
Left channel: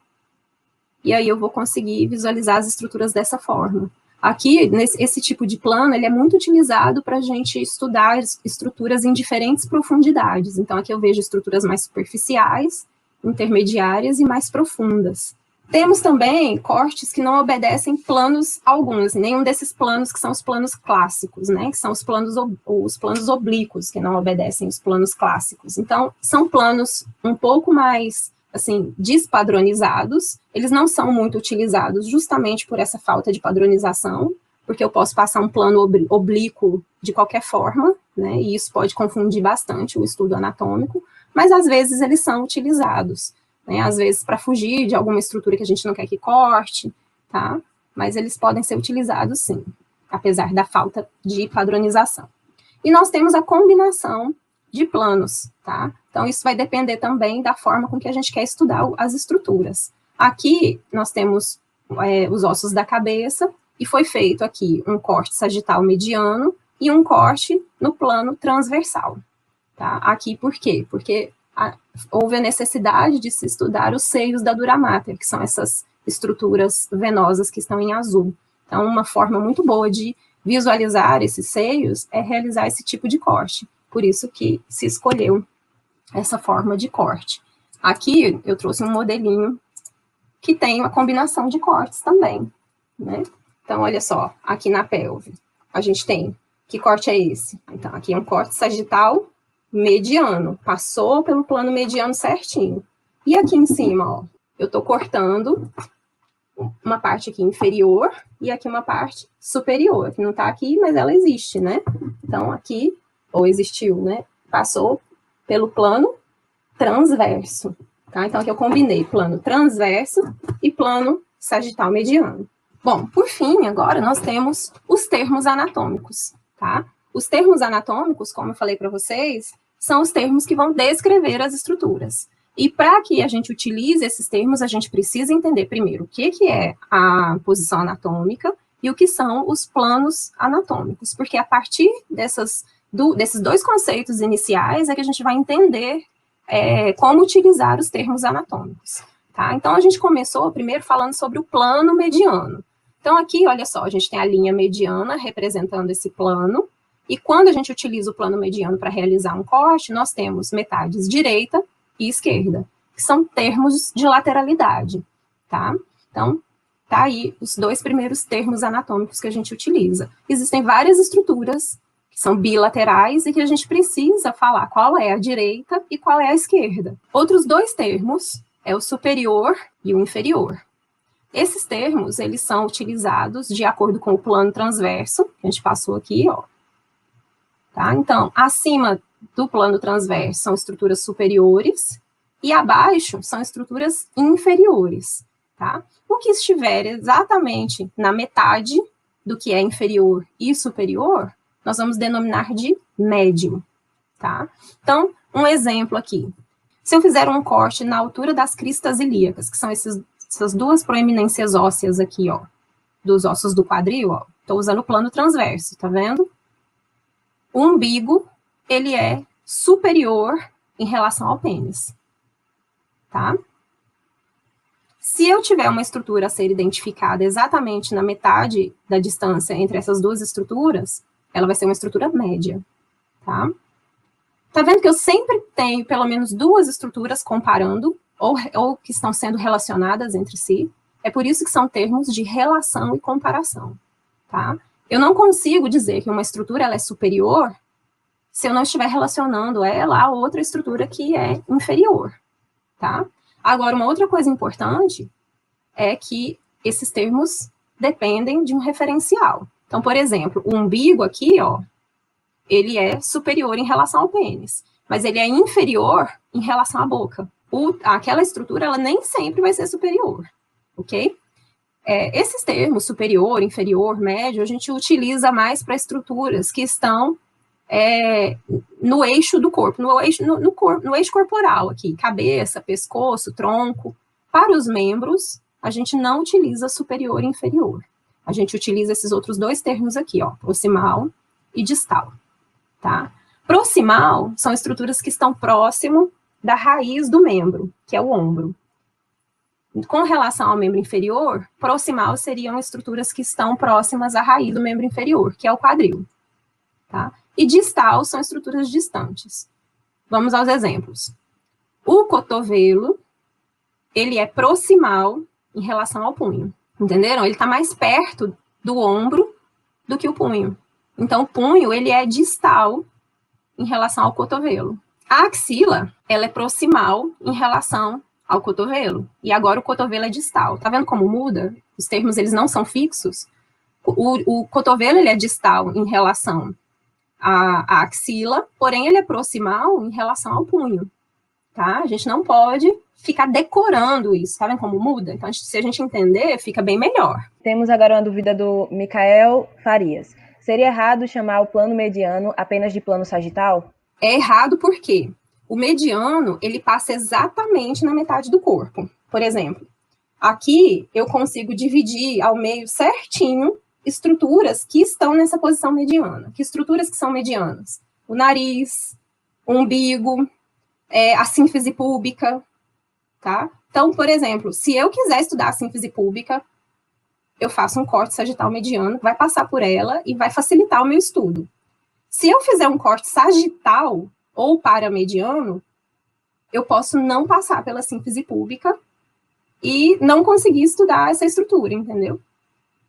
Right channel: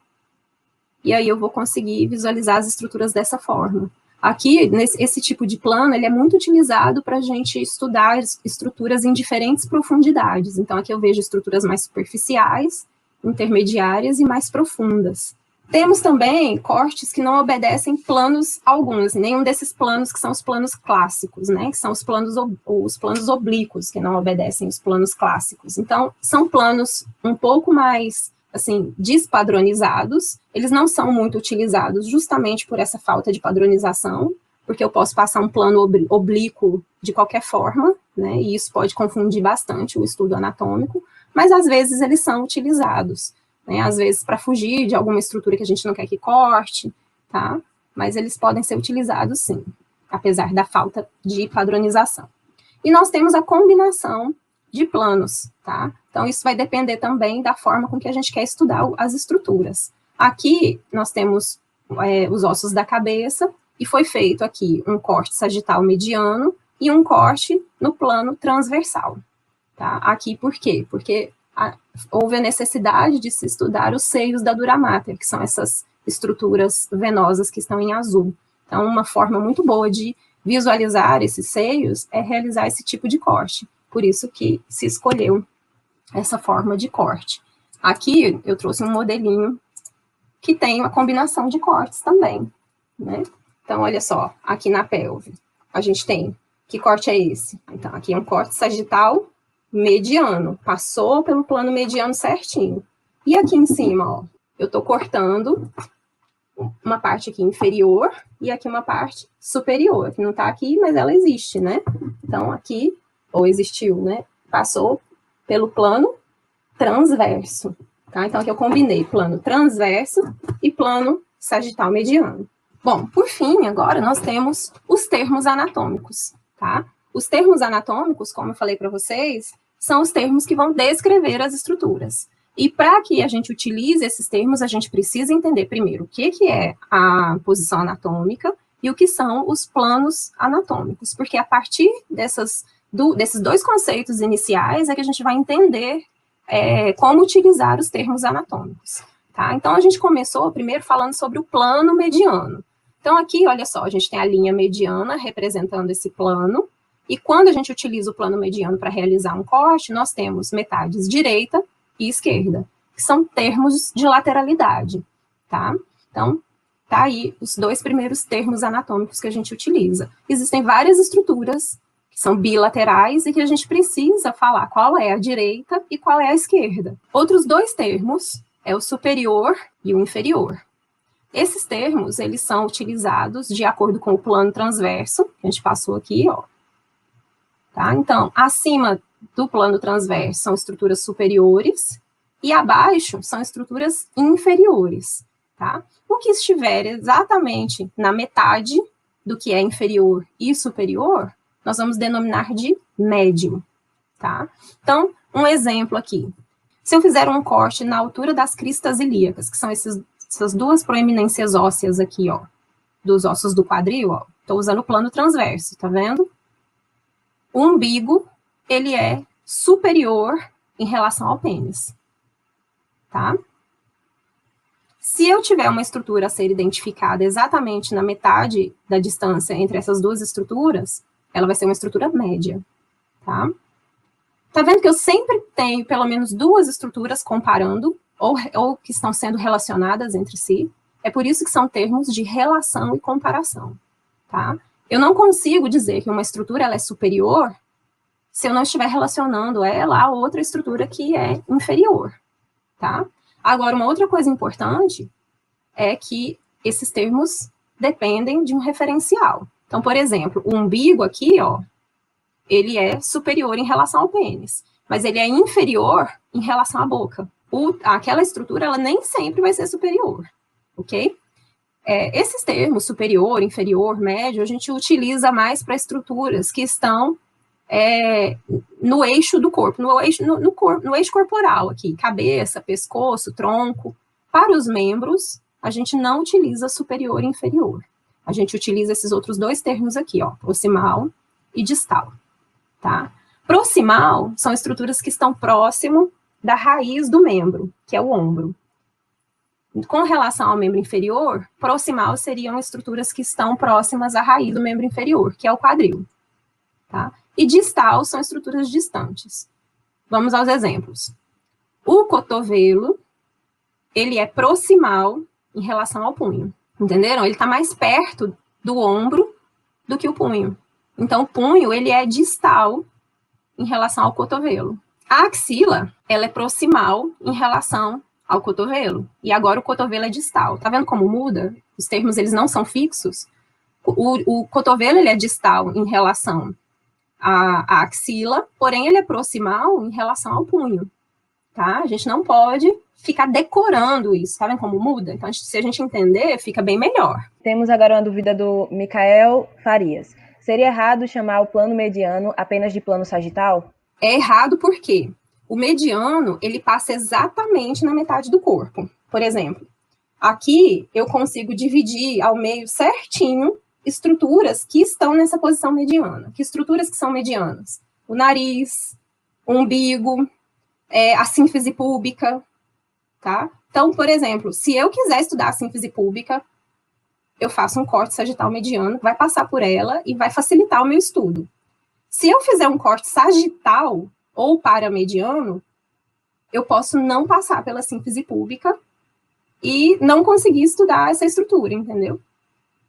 e aí eu vou conseguir visualizar as estruturas dessa forma. Aqui, esse tipo de plano, ele é muito utilizado para a gente estudar estruturas em diferentes profundidades. Então, aqui eu vejo estruturas mais superficiais, intermediárias e mais profundas. Temos também cortes que não obedecem planos alguns, nenhum desses planos que são os planos clássicos, né? Que são os planos oblíquos, que não obedecem os planos clássicos. Então, são planos um pouco mais assim, despadronizados, eles não são muito utilizados justamente por essa falta de padronização, porque eu posso passar um plano oblíquo de qualquer forma, né, e isso pode confundir bastante o estudo anatômico, mas às vezes eles são utilizados, né, às vezes para fugir de alguma estrutura que a gente não quer que corte, tá, mas eles podem ser utilizados sim, apesar da falta de padronização. E nós temos a combinação de planos, tá? Então, isso vai depender também da forma com que a gente quer estudar as estruturas. Aqui, nós temos os ossos da cabeça, e foi feito aqui um corte sagital mediano e um corte no plano transversal, tá? Aqui, por quê? Porque houve a necessidade de se estudar os seios da dura mater, que são essas estruturas venosas que estão em azul. Então, uma forma muito boa de visualizar esses seios é realizar esse tipo de corte. Por isso que se escolheu essa forma de corte. Aqui eu trouxe um modelinho que tem uma combinação de cortes também, né? Então, olha só, aqui na pelve, a gente tem, que corte é esse? Então, aqui é um corte sagital mediano, passou pelo plano mediano certinho. E aqui em cima, ó, eu tô cortando uma parte aqui inferior e aqui uma parte superior, que não tá aqui, mas ela existe, né? Então, aqui ou existiu, né? passou pelo plano transverso, tá? Então, aqui eu combinei plano transverso e plano sagital mediano. Bom, por fim, agora nós temos os termos anatômicos, tá? Os termos anatômicos, como eu falei para vocês, são os termos que vão descrever as estruturas. E para que a gente utilize esses termos, a gente precisa entender primeiro o que é a posição anatômica e o que são os planos anatômicos, porque a partir desses dois conceitos iniciais é que a gente vai entender como utilizar os termos anatômicos. Tá? Então, a gente começou primeiro falando sobre o plano mediano. Então, aqui, olha só, a gente tem a linha mediana representando esse plano, e quando a gente utiliza o plano mediano para realizar um corte, nós temos metades direita e esquerda, que são termos de lateralidade, tá? Então, tá aí os dois primeiros termos anatômicos que a gente utiliza. Existem várias estruturas que são bilaterais e que a gente precisa falar qual é a direita e qual é a esquerda. Outros dois termos é o superior e o inferior. Esses termos, eles são utilizados de acordo com o plano transverso, que a gente passou aqui, ó. Tá? Então, acima do plano transverso são estruturas superiores e abaixo são estruturas inferiores, tá? O que estiver exatamente na metade do que é inferior e superior, nós vamos denominar de médio, tá? Então, um exemplo aqui. Se eu fizer um corte na altura das cristas ilíacas, que são essas duas proeminências ósseas aqui, ó, dos ossos do quadril, ó, estou usando o plano transverso, tá vendo? O umbigo, ele é superior em relação ao pênis, tá? Se eu tiver uma estrutura a ser identificada exatamente na metade da distância entre essas duas estruturas, ela vai ser uma estrutura média, tá? Tá vendo que eu sempre tenho pelo menos duas estruturas comparando, ou que estão sendo relacionadas entre si? É por isso que são termos de relação e comparação, tá? Eu não consigo dizer que uma estrutura ela é superior se eu não estiver relacionando ela a outra estrutura que é inferior, tá? Agora, uma outra coisa importante é que esses termos dependem de um referencial. Então, por exemplo, o umbigo aqui, ó, ele é superior em relação ao pênis, mas ele é inferior em relação à boca. Aquela estrutura, ela nem sempre vai ser superior, ok? Esses termos, superior, inferior, médio, a gente utiliza mais para estruturas que estão no eixo do corpo, no eixo corporal aqui, cabeça, pescoço, tronco. Para os membros, a gente não utiliza superior e inferior. A gente utiliza esses outros dois termos aqui, ó, proximal e distal, tá? Proximal são estruturas que estão próximo da raiz do membro, que é o ombro. Com relação ao membro inferior, proximal seriam estruturas que estão próximas à raiz do membro inferior, que é o quadril, tá? E distal são estruturas distantes. Vamos aos exemplos. O cotovelo, ele é proximal em relação ao punho, entenderam? Ele está mais perto do ombro do que o punho. Então, o punho, ele é distal em relação ao cotovelo. A axila, ela é proximal em relação ao cotovelo. E agora o cotovelo é distal. Tá vendo como muda? Os termos, eles não são fixos. O cotovelo, ele é distal em relação à axila, porém ele é proximal em relação ao punho, tá? A gente não pode ficar decorando isso, tá vendo como muda? Então, se a gente entender, fica bem melhor. Temos agora uma dúvida do Micael Farias. Seria errado chamar o plano mediano apenas de plano sagital? É errado porque o mediano, ele passa exatamente na metade do corpo. Por exemplo, aqui eu consigo dividir ao meio certinho estruturas que estão nessa posição mediana. Que estruturas que são medianas? O nariz, o umbigo, a sínfise púbica, tá? Então, por exemplo, se eu quiser estudar a sínfise púbica, eu faço um corte sagital mediano, vai passar por ela e vai facilitar o meu estudo. Se eu fizer um corte sagital ou paramediano, eu posso não passar pela sínfise púbica e não conseguir estudar essa estrutura, entendeu?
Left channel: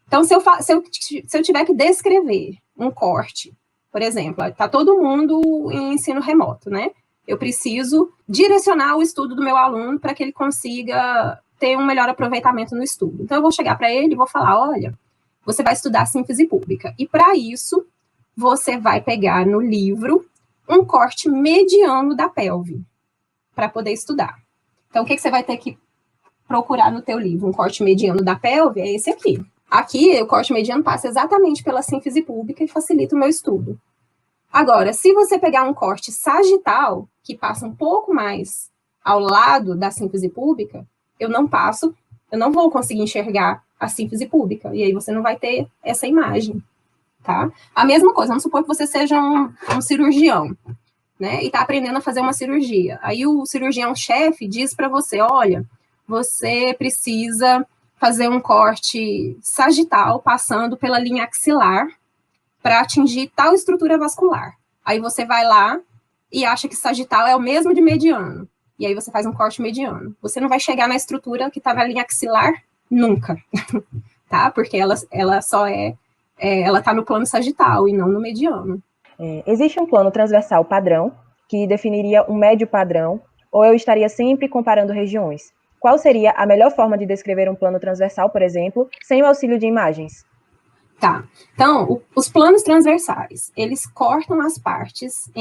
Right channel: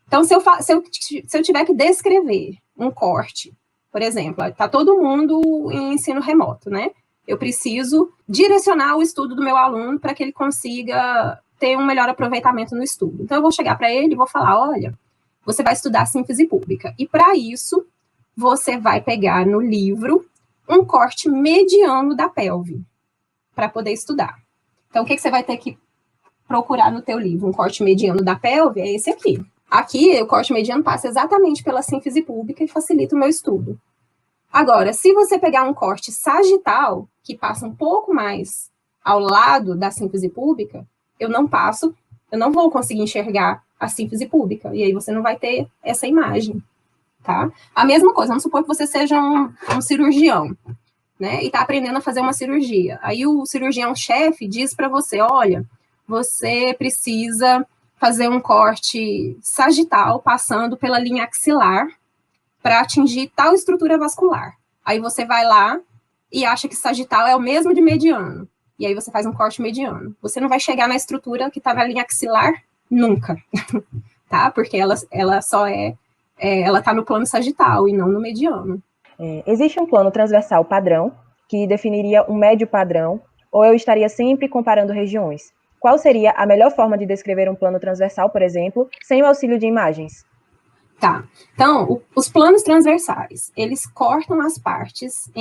Então, se eu tiver que descrever um corte, por exemplo, está todo mundo em ensino remoto, né? Eu preciso direcionar o estudo do meu aluno para que ele consiga ter um melhor aproveitamento no estudo. Então, eu vou chegar para ele e vou falar, olha, você vai estudar sínfise pública. E, para isso, você vai pegar no livro um corte mediano da pelve para poder estudar. Então, o que você vai ter que procurar no teu livro? Um corte mediano da pelve é esse aqui. Aqui, o corte mediano passa exatamente pela sínfise púbica e facilita o meu estudo. Agora, se você pegar um corte sagital, que passa um pouco mais ao lado da sínfise púbica, eu não vou conseguir enxergar a sínfise púbica, e aí você não vai ter essa imagem, tá? A mesma coisa, vamos supor que você seja um cirurgião, né, e está aprendendo a fazer uma cirurgia. Aí o cirurgião-chefe diz para você, olha, você precisa fazer um corte sagital passando pela linha axilar para atingir tal estrutura vascular. Aí você vai lá e acha que sagital é o mesmo de mediano. E aí você faz um corte mediano. Você não vai chegar na estrutura que está na linha axilar nunca, tá? Porque ela só ela está no plano sagital e não no mediano. Existe um plano transversal padrão que definiria um médio padrão, ou eu estaria sempre comparando regiões? Qual seria a melhor forma de descrever um plano transversal, por exemplo, sem o auxílio de imagens? Tá, então, os planos transversais, eles cortam as partes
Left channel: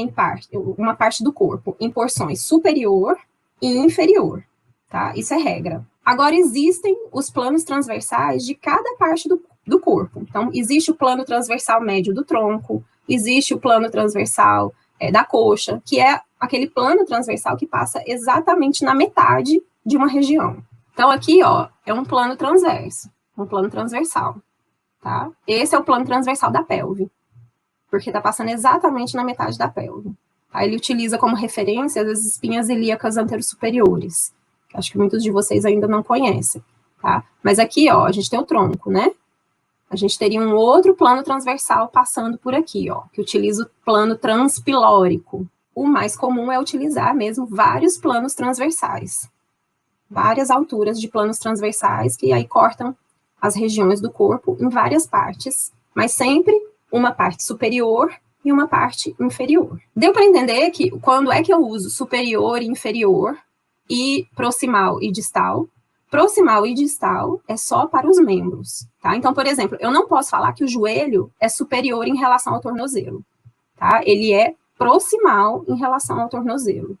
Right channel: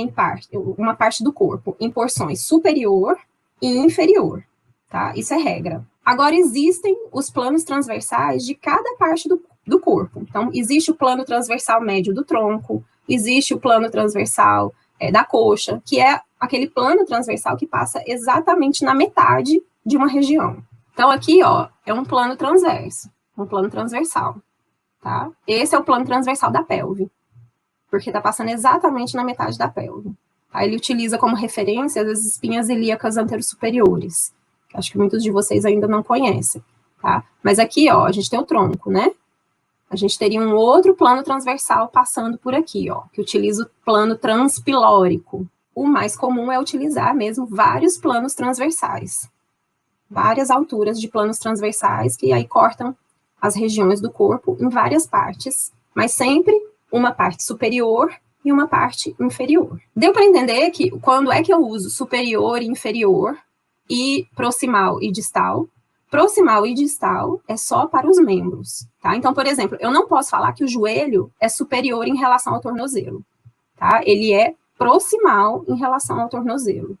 uma parte do corpo em porções superior e inferior, tá? Isso é regra. Agora, existem os planos transversais de cada parte do corpo. Então, existe o plano transversal médio do tronco, existe o plano transversal da coxa, que é aquele plano transversal que passa exatamente na metade de uma região. Então, aqui, ó, é um plano transverso, um plano transversal. Tá? Esse é o plano transversal da pelve, porque está passando exatamente na metade da pelve. Tá? Ele utiliza como referência as espinhas ilíacas anterosuperiores, que acho que muitos de vocês ainda não conhecem. Tá? Mas aqui, ó, a gente tem o tronco, né? A gente teria um outro plano transversal passando por aqui, ó, que utiliza o plano transpilórico. O mais comum é utilizar mesmo vários planos transversais, várias alturas de planos transversais que aí cortam as regiões do corpo em várias partes, mas sempre uma parte superior e uma parte inferior. Deu para entender que quando é que eu uso superior e inferior e proximal e distal? Proximal e distal é só para os membros, tá? Então, por exemplo, eu não posso falar que o joelho é superior em relação ao tornozelo, tá? Ele é proximal em relação ao tornozelo.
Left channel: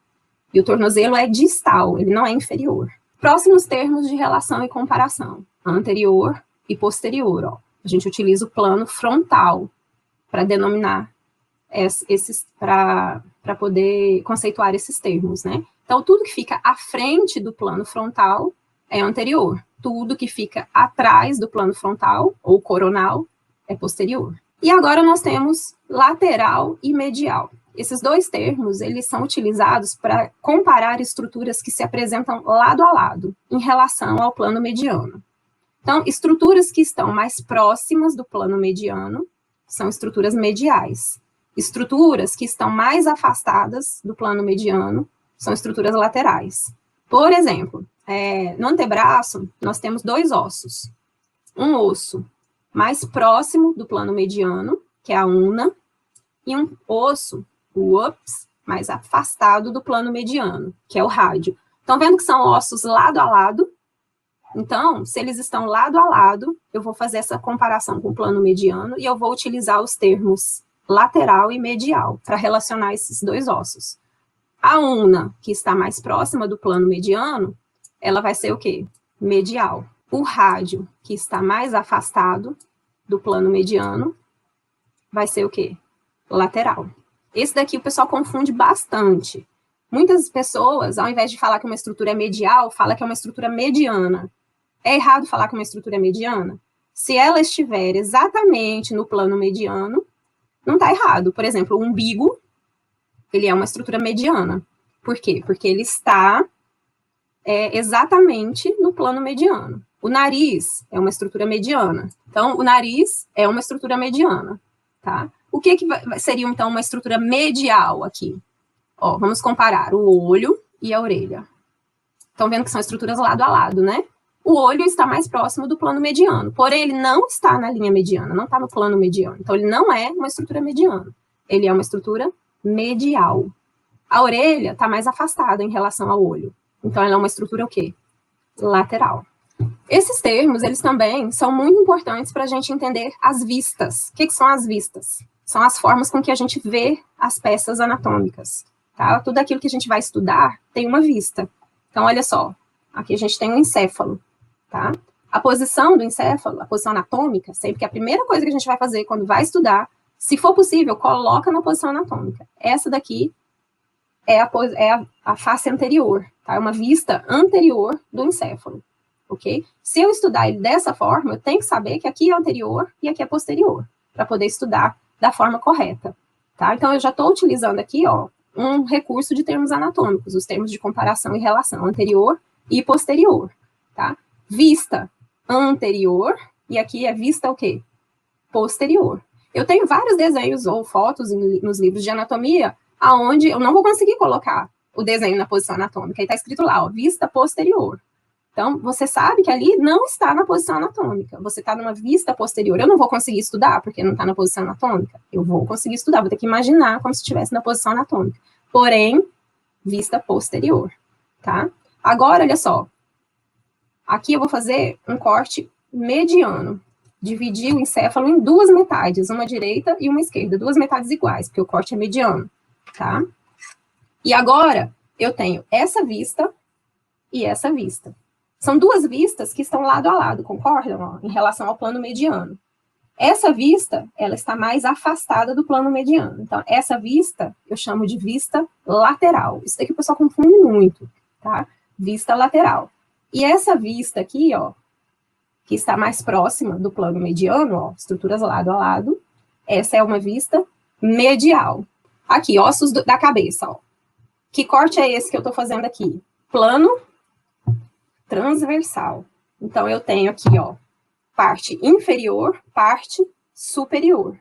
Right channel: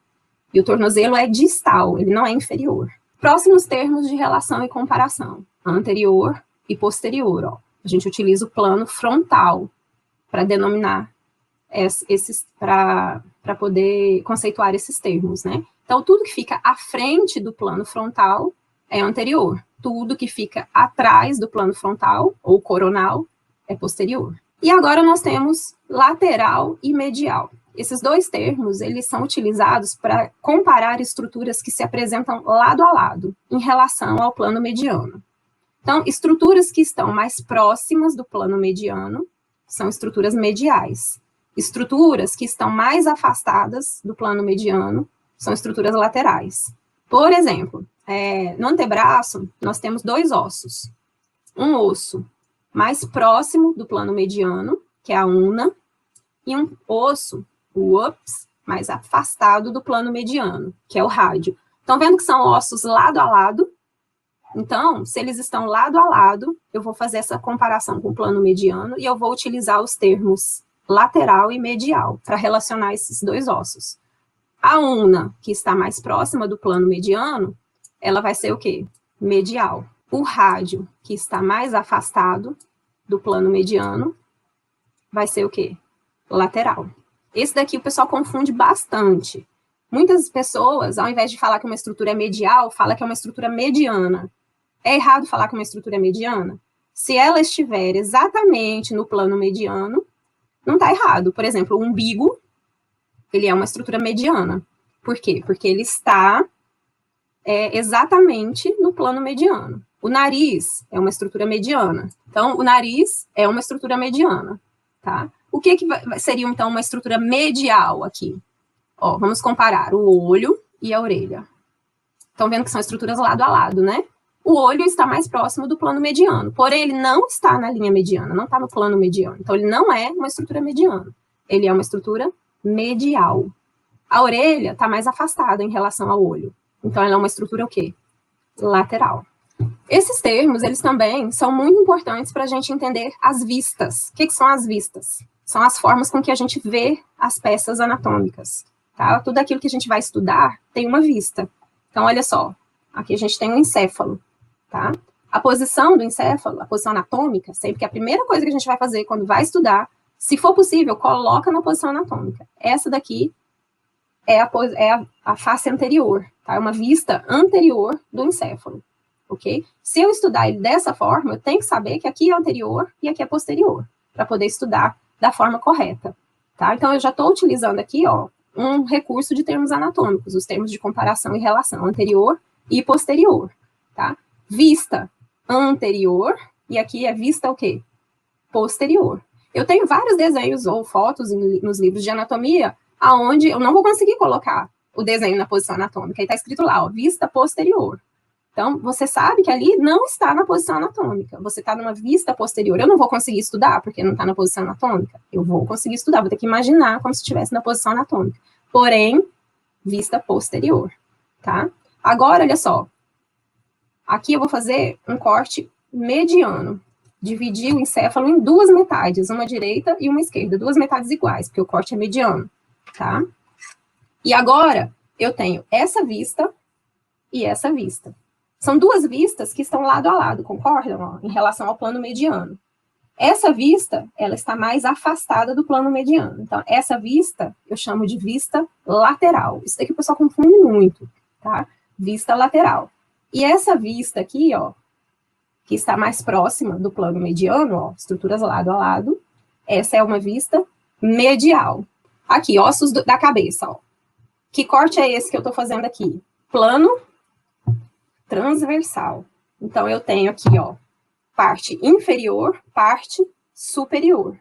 E o tornozelo é distal, ele não é inferior. Próximos termos de relação e comparação. Anterior e posterior, ó. A gente utiliza o plano frontal para denominar para poder conceituar esses termos, né? Então, tudo que fica à frente do plano frontal é anterior. Tudo que fica atrás do plano frontal, ou coronal, é posterior. E agora nós temos lateral e medial. Esses dois termos, eles são utilizados para comparar estruturas que se apresentam lado a lado, em relação ao plano mediano. Então, estruturas que estão mais próximas do plano mediano são estruturas mediais. Estruturas que estão mais afastadas do plano mediano são estruturas laterais. Por exemplo, no antebraço, nós temos dois ossos. Um osso mais próximo do plano mediano, que é a una, e um osso, o ups, mais afastado do plano mediano, que é o rádio. Estão vendo que são ossos lado a lado? Então, se eles estão lado a lado, eu vou fazer essa comparação com o plano mediano e eu vou utilizar os termos lateral e medial para relacionar esses dois ossos. A una, que está mais próxima do plano mediano, ela vai ser o quê? Medial. O rádio, que está mais afastado do plano mediano, vai ser o quê? Lateral. Esse daqui o pessoal confunde bastante. Muitas pessoas, ao invés de falar que uma estrutura é medial, fala que é uma estrutura mediana. É errado falar que uma estrutura é mediana? Se ela estiver exatamente no plano mediano, não está errado. Por exemplo, o umbigo, ele é uma estrutura mediana. Por quê? Porque ele está exatamente no plano mediano. O nariz é uma estrutura mediana. Então, o nariz é uma estrutura mediana, tá? O que seria, então, uma estrutura medial aqui? Ó, vamos comparar o olho e a orelha. Estão vendo que são estruturas lado a lado, né? O olho está mais próximo do plano mediano, porém ele não está na linha mediana, não está no plano mediano. Então, ele não é uma estrutura mediana. Ele é uma estrutura medial. A orelha está mais afastada em relação ao olho. Então, ela é uma estrutura o quê? Lateral. Esses termos, eles também são muito importantes para a gente entender as vistas. O que são as vistas? são as formas com que a gente vê as peças anatômicas, tá? Tudo aquilo que a gente vai estudar tem uma vista. Então, olha só, aqui a gente tem um encéfalo, tá? A posição do encéfalo, a posição anatômica, sempre que a primeira coisa que a gente vai fazer quando vai estudar, se for possível, coloca na posição anatômica. Essa daqui é a face anterior, tá? É uma vista anterior do encéfalo, ok? Se eu estudar ele dessa forma, eu tenho que saber que aqui é anterior e aqui é posterior, para poder estudar da forma correta, tá? Então, eu já estou utilizando aqui, ó, um recurso de termos anatômicos, os termos de comparação e relação, anterior e posterior, tá? Vista anterior, e aqui é vista o quê? Posterior. Eu tenho vários desenhos ou fotos nos livros de anatomia, aonde eu não vou conseguir colocar o desenho na posição anatômica, e está escrito lá, ó, vista posterior. Então, você sabe que ali não está na posição anatômica, você está numa vista posterior. Eu não vou conseguir estudar, porque não está na posição anatômica. Eu vou conseguir estudar, vou ter que imaginar como se estivesse na posição anatômica. Porém, vista posterior, tá? Agora, olha só. Aqui eu vou fazer um corte mediano. Dividir o encéfalo em duas metades, uma direita e uma esquerda. Duas metades iguais, porque o corte é mediano, tá? E agora, eu tenho essa vista e essa vista. São duas vistas que estão lado a lado, concordam? Ó, em relação ao plano mediano. Essa vista, ela está mais afastada do plano mediano. Então, essa vista, eu chamo de vista lateral. Isso daqui o pessoal confunde muito, tá? Vista lateral. E essa vista aqui, ó, que está mais próxima do plano mediano, ó, estruturas lado a lado, essa é uma vista medial. Aqui, ossos da cabeça, ó. Que corte é esse que eu estou fazendo aqui? Plano transversal. Então, eu tenho aqui, ó, parte inferior, parte superior,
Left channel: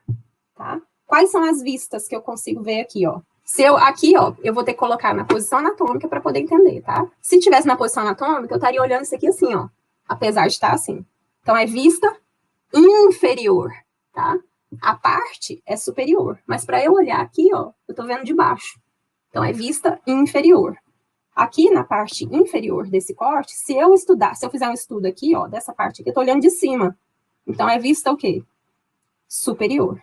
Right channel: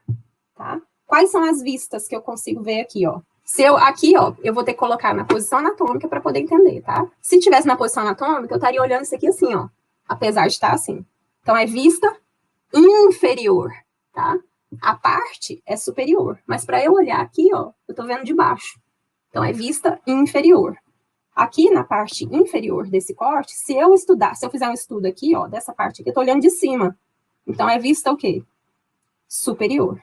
tá? Quais são as vistas que eu consigo ver aqui, ó? Aqui, ó, eu vou ter que colocar na posição anatômica para poder entender, tá? Se tivesse na posição anatômica, eu estaria olhando isso aqui assim, ó, apesar de estar assim. Então, é vista inferior, tá? A parte é superior, mas para eu olhar aqui, ó, eu tô vendo de baixo. Então, é vista inferior. Aqui na parte inferior desse corte, se eu fizer um estudo aqui, ó, dessa parte aqui, eu tô olhando de cima. Então, é vista o quê? Superior,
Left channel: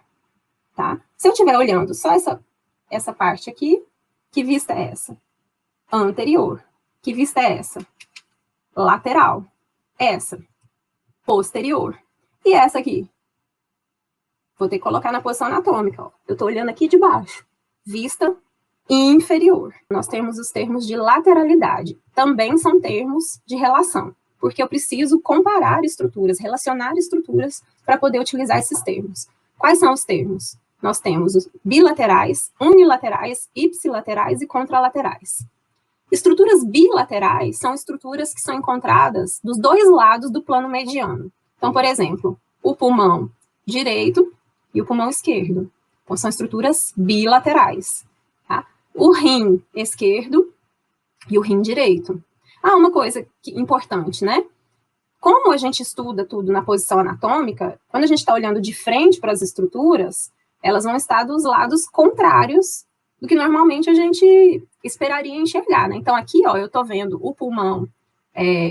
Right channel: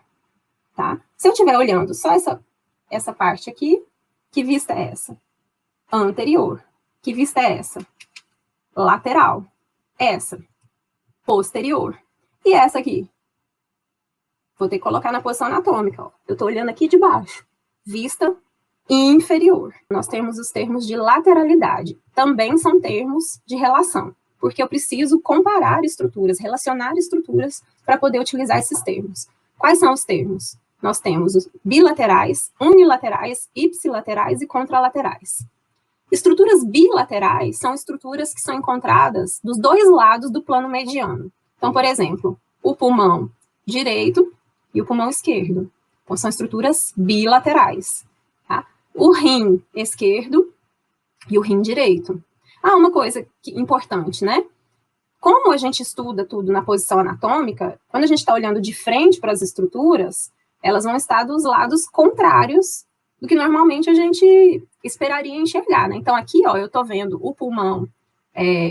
tá? Se eu estiver olhando só essa parte aqui, que vista é essa? Anterior. Que vista é essa? Lateral. Essa. Posterior. E essa aqui? Vou ter que colocar na posição anatômica, ó. Eu tô olhando aqui de baixo. Vista inferior. Nós temos os termos de lateralidade. Também são termos de relação, porque eu preciso comparar estruturas, relacionar estruturas para poder utilizar esses termos. Quais são os termos? Nós temos os bilaterais, unilaterais, ipsilaterais e contralaterais. Estruturas bilaterais são estruturas que são encontradas dos dois lados do plano mediano. Então, por exemplo, o pulmão direito e o pulmão esquerdo. Então, são estruturas bilaterais. Tá? O rim esquerdo e o rim direito. Ah, uma coisa importante, né? Como a gente estuda tudo na posição anatômica, quando a gente está olhando de frente para as estruturas, elas vão estar dos lados contrários do que normalmente a gente esperaria enxergar, né? Então, aqui, ó, eu estou vendo o pulmão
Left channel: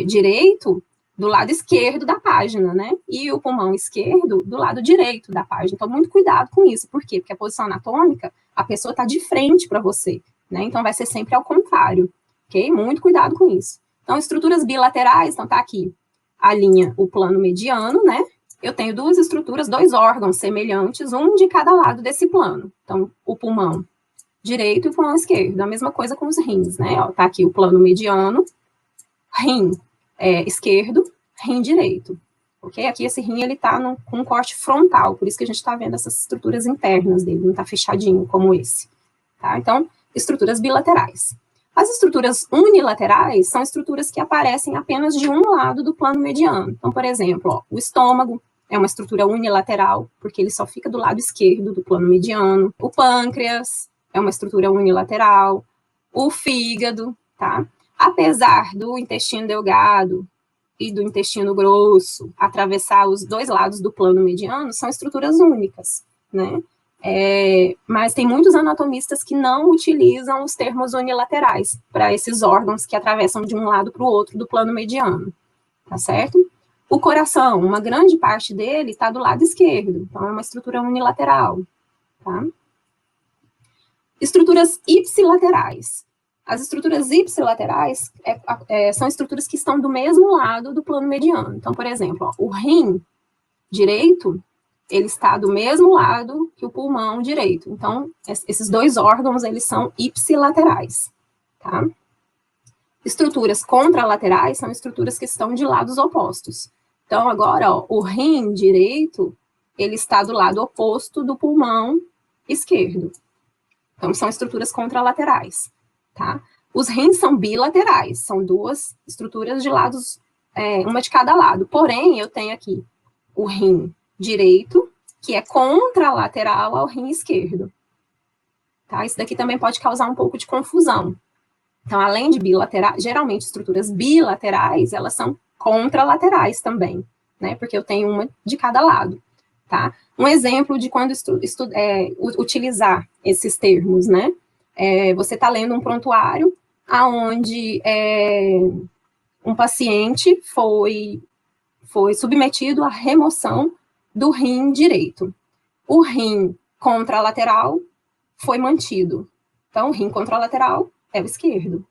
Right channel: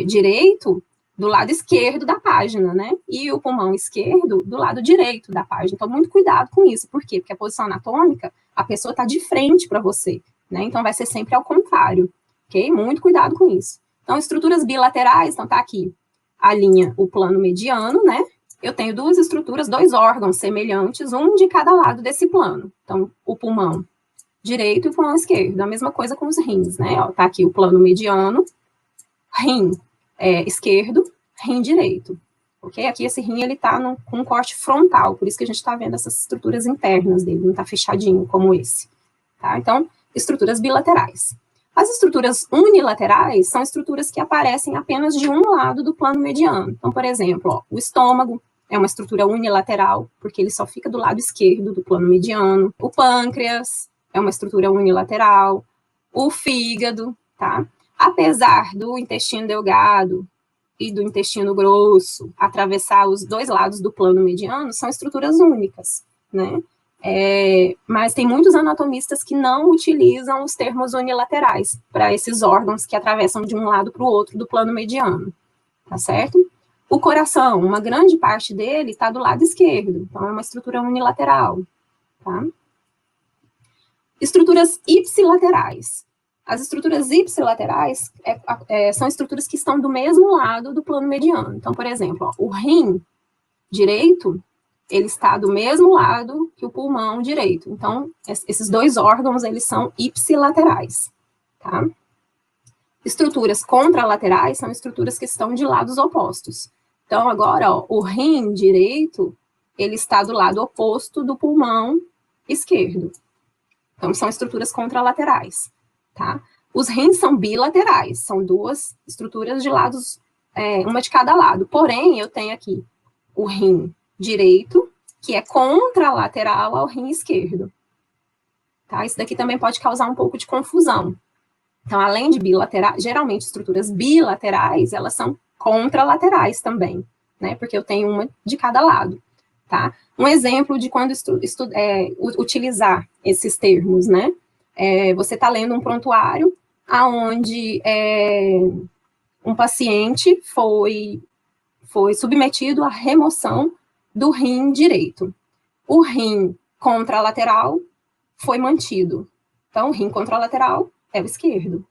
direito do lado esquerdo da página, né? E o pulmão esquerdo do lado direito da página. Então, muito cuidado com isso. Por quê? Porque a posição anatômica, a pessoa está de frente para você, né? Então, vai ser sempre ao contrário, ok? Muito cuidado com isso. Então, estruturas bilaterais, então tá aqui a linha, o plano mediano, né? Eu tenho duas estruturas, dois órgãos semelhantes, um de cada lado desse plano. Então, o pulmão direito e o pulmão esquerdo. A mesma coisa com os rins, né? Ó, tá aqui o plano mediano, rim esquerdo, rim direito. Ok? Aqui esse rim, ele tá com um corte frontal, por isso que a gente tá vendo essas estruturas internas dele, não tá fechadinho como esse. Tá? Então, estruturas bilaterais. As estruturas unilaterais são estruturas que aparecem apenas de um lado do plano mediano. Então, por exemplo, ó, o estômago é uma estrutura unilateral, porque ele só fica do lado esquerdo do plano mediano. O pâncreas é uma estrutura unilateral. O fígado, tá? Apesar do intestino delgado e do intestino grosso atravessar os dois lados do plano mediano, são estruturas únicas, né? Mas tem muitos anatomistas que não utilizam os termos unilaterais para esses órgãos que atravessam de um lado para o outro do plano mediano, tá certo? O coração, uma grande parte dele está do lado esquerdo, então é uma estrutura unilateral. tá? Estruturas ipsilaterais. As estruturas ipsilaterais são estruturas que estão do mesmo lado do plano mediano. Então, por exemplo, ó, o rim direito, ele está do mesmo lado que o pulmão direito. Então, esses dois órgãos, eles são ipsilaterais, tá? Estruturas contralaterais são estruturas que estão de lados opostos. Então, agora, ó, o rim direito, ele está do lado oposto do pulmão esquerdo. Então, são estruturas contralaterais, tá? Os rins são bilaterais, são duas estruturas de lados, uma de cada lado. Porém, eu tenho aqui o rim direito, que é contralateral ao rim esquerdo, tá? Isso daqui também pode causar um pouco de confusão. Então, além de bilaterais, geralmente estruturas bilaterais, elas são contralaterais também, né? Porque eu tenho uma de cada lado, tá? Um exemplo de quando utilizar esses termos, né? Você está lendo um prontuário onde um paciente foi submetido à remoção do rim direito. O rim contralateral foi mantido. Então, o rim contralateral é o esquerdo.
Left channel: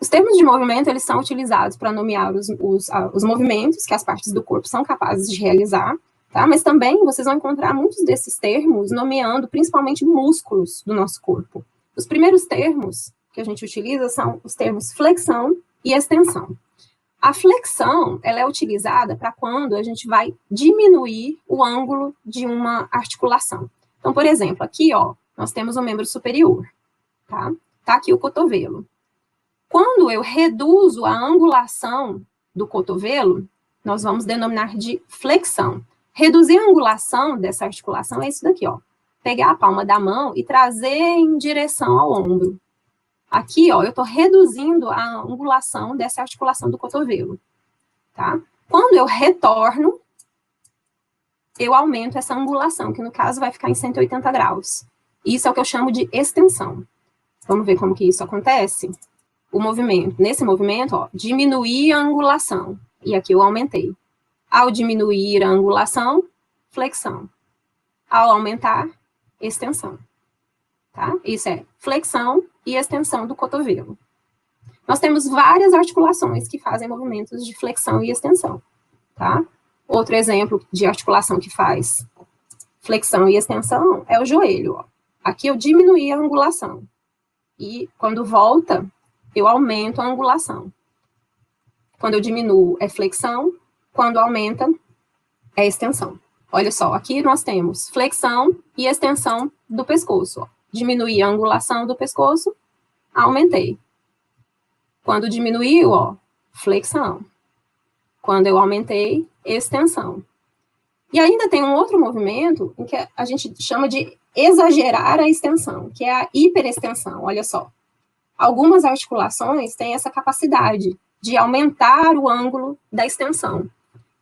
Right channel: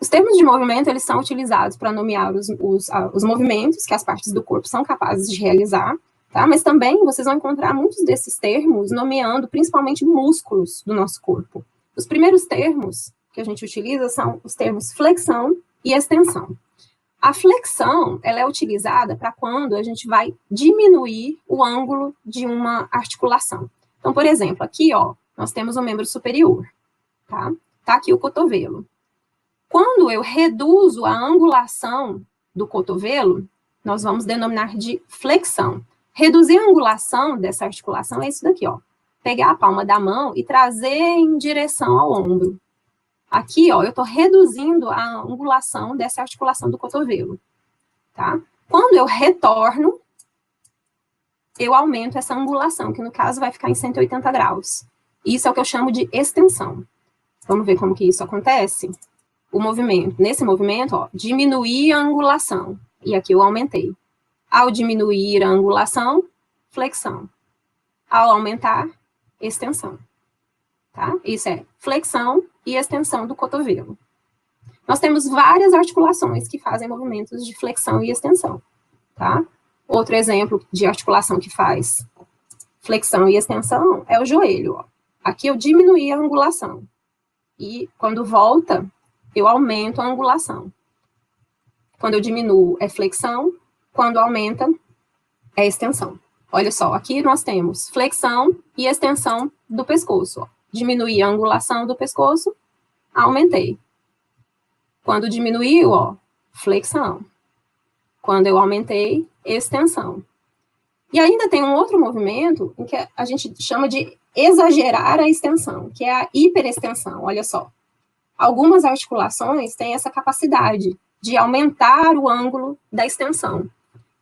Os termos de movimento, eles são utilizados para nomear os movimentos que as partes do corpo são capazes de realizar, tá? Mas também vocês vão encontrar muitos desses termos nomeando principalmente músculos do nosso corpo. Os primeiros termos que a gente utiliza são os termos flexão e extensão. A flexão, ela é utilizada para quando a gente vai diminuir o ângulo de uma articulação. Então, por exemplo, aqui, ó, nós temos o membro superior, tá? Tá aqui o cotovelo. Quando eu reduzo a angulação do cotovelo, nós vamos denominar de flexão. Reduzir a angulação dessa articulação é isso daqui, ó. Pegar a palma da mão e trazer em direção ao ombro. Aqui, ó, eu estou reduzindo a angulação dessa articulação do cotovelo, tá? Quando eu retorno, eu aumento essa angulação, que no caso vai ficar em 180 graus. Isso é o que eu chamo de extensão. Vamos ver como que isso acontece? O movimento, nesse movimento, ó, diminuir a angulação. E aqui eu aumentei. Ao diminuir a angulação, flexão. Ao aumentar, extensão. Tá? Isso é flexão e extensão do cotovelo. Nós temos várias articulações que fazem movimentos de flexão e extensão. Tá? Outro exemplo de articulação que faz flexão e extensão é o joelho. Ó. Aqui eu diminuí a angulação. E quando volta, eu aumento a angulação. Quando eu diminuo, é flexão. Quando aumenta, é extensão. Olha só, aqui nós temos flexão e extensão do pescoço. Ó. Diminuí a angulação do pescoço, aumentei. Quando diminuiu, ó, flexão. Quando eu aumentei, extensão. E ainda tem um outro movimento em que a gente chama de exagerar a extensão, que é a hiperextensão. Olha só. Algumas articulações têm essa capacidade de aumentar o ângulo da extensão.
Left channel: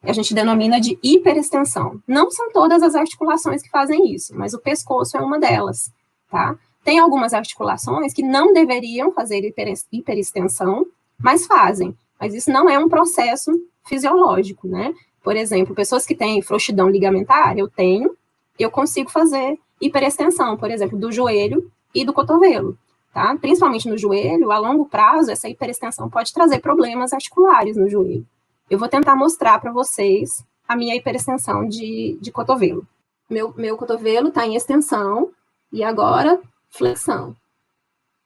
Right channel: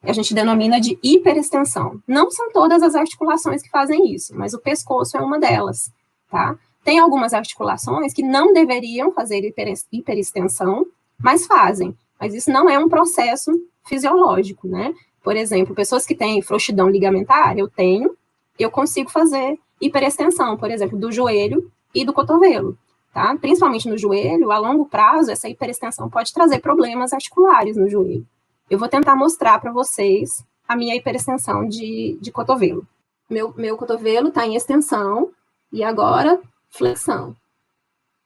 A gente denomina de hiperextensão. Não são todas as articulações que fazem isso, mas o pescoço é uma delas, tá? Tem algumas articulações que não deveriam fazer hiperextensão, mas fazem. Mas isso não é um processo fisiológico, né? Por exemplo, pessoas que têm frouxidão ligamentar, eu consigo fazer hiperextensão, por exemplo, do joelho e do cotovelo. Tá? Principalmente no joelho, a longo prazo, essa hiperextensão pode trazer problemas articulares no joelho. Eu vou tentar mostrar para vocês a minha hiperextensão de cotovelo. Meu cotovelo está em extensão, e agora, flexão.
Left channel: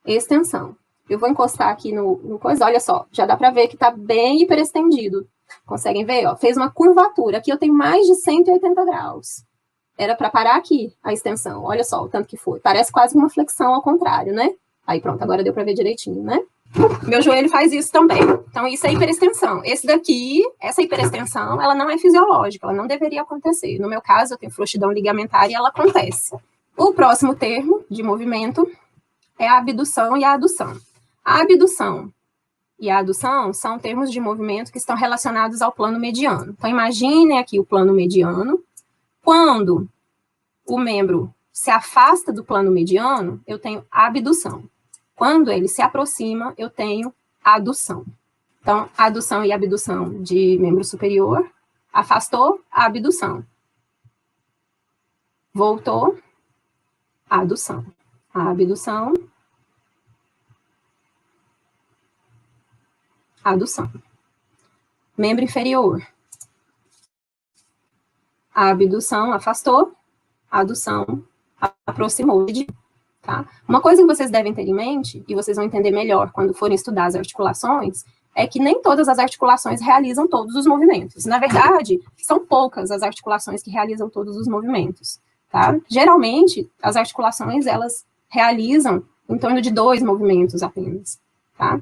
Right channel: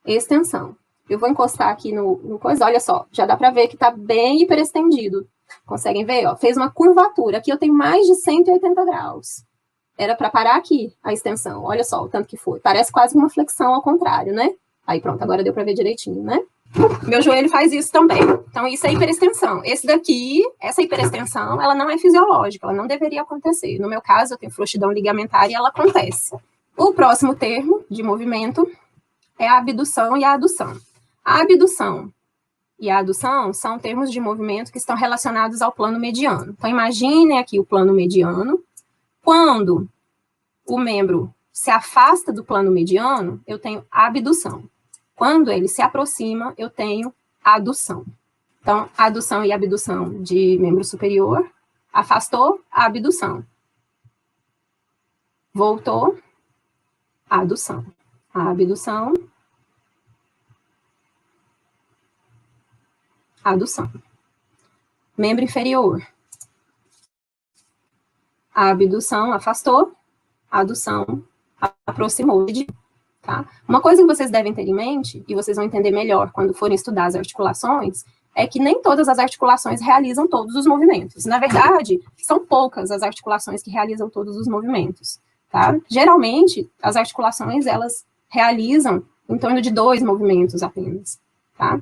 Extensão. Eu vou encostar aqui no coisa, olha só, já dá para ver que está bem hiperestendido. Conseguem ver? Ó? Fez uma curvatura. Aqui eu tenho mais de 180 graus. Era para parar aqui a extensão. Olha só o tanto que foi. Parece quase uma flexão ao contrário, né? Aí pronto, agora deu para ver direitinho, né? Meu joelho faz isso também. Então, isso é hiperextensão. Essa hiperextensão, ela não é fisiológica, ela não deveria acontecer. No meu caso, eu tenho frouxidão ligamentar e ela acontece. O próximo termo de movimento é a abdução e a adução. A abdução e a adução são termos de movimento que estão relacionados ao plano mediano. Então, imaginem aqui o plano mediano. Quando o membro se afasta do plano mediano, eu tenho abdução. Quando ele se aproxima, eu tenho adução. Então, adução e abdução de membro superior. Afastou, abdução. Voltou, adução. Abdução, adução. Membro inferior. A abdução afastou, a adução aproximou. Tá? Uma coisa que vocês devem ter em mente, e vocês vão entender melhor quando forem estudar as articulações, é que nem todas as articulações realizam todos os movimentos. Na verdade, são poucas as articulações que realizam todos os movimentos. Tá? Geralmente, as articulações, elas realizam em torno de 2 movimentos apenas. Tá?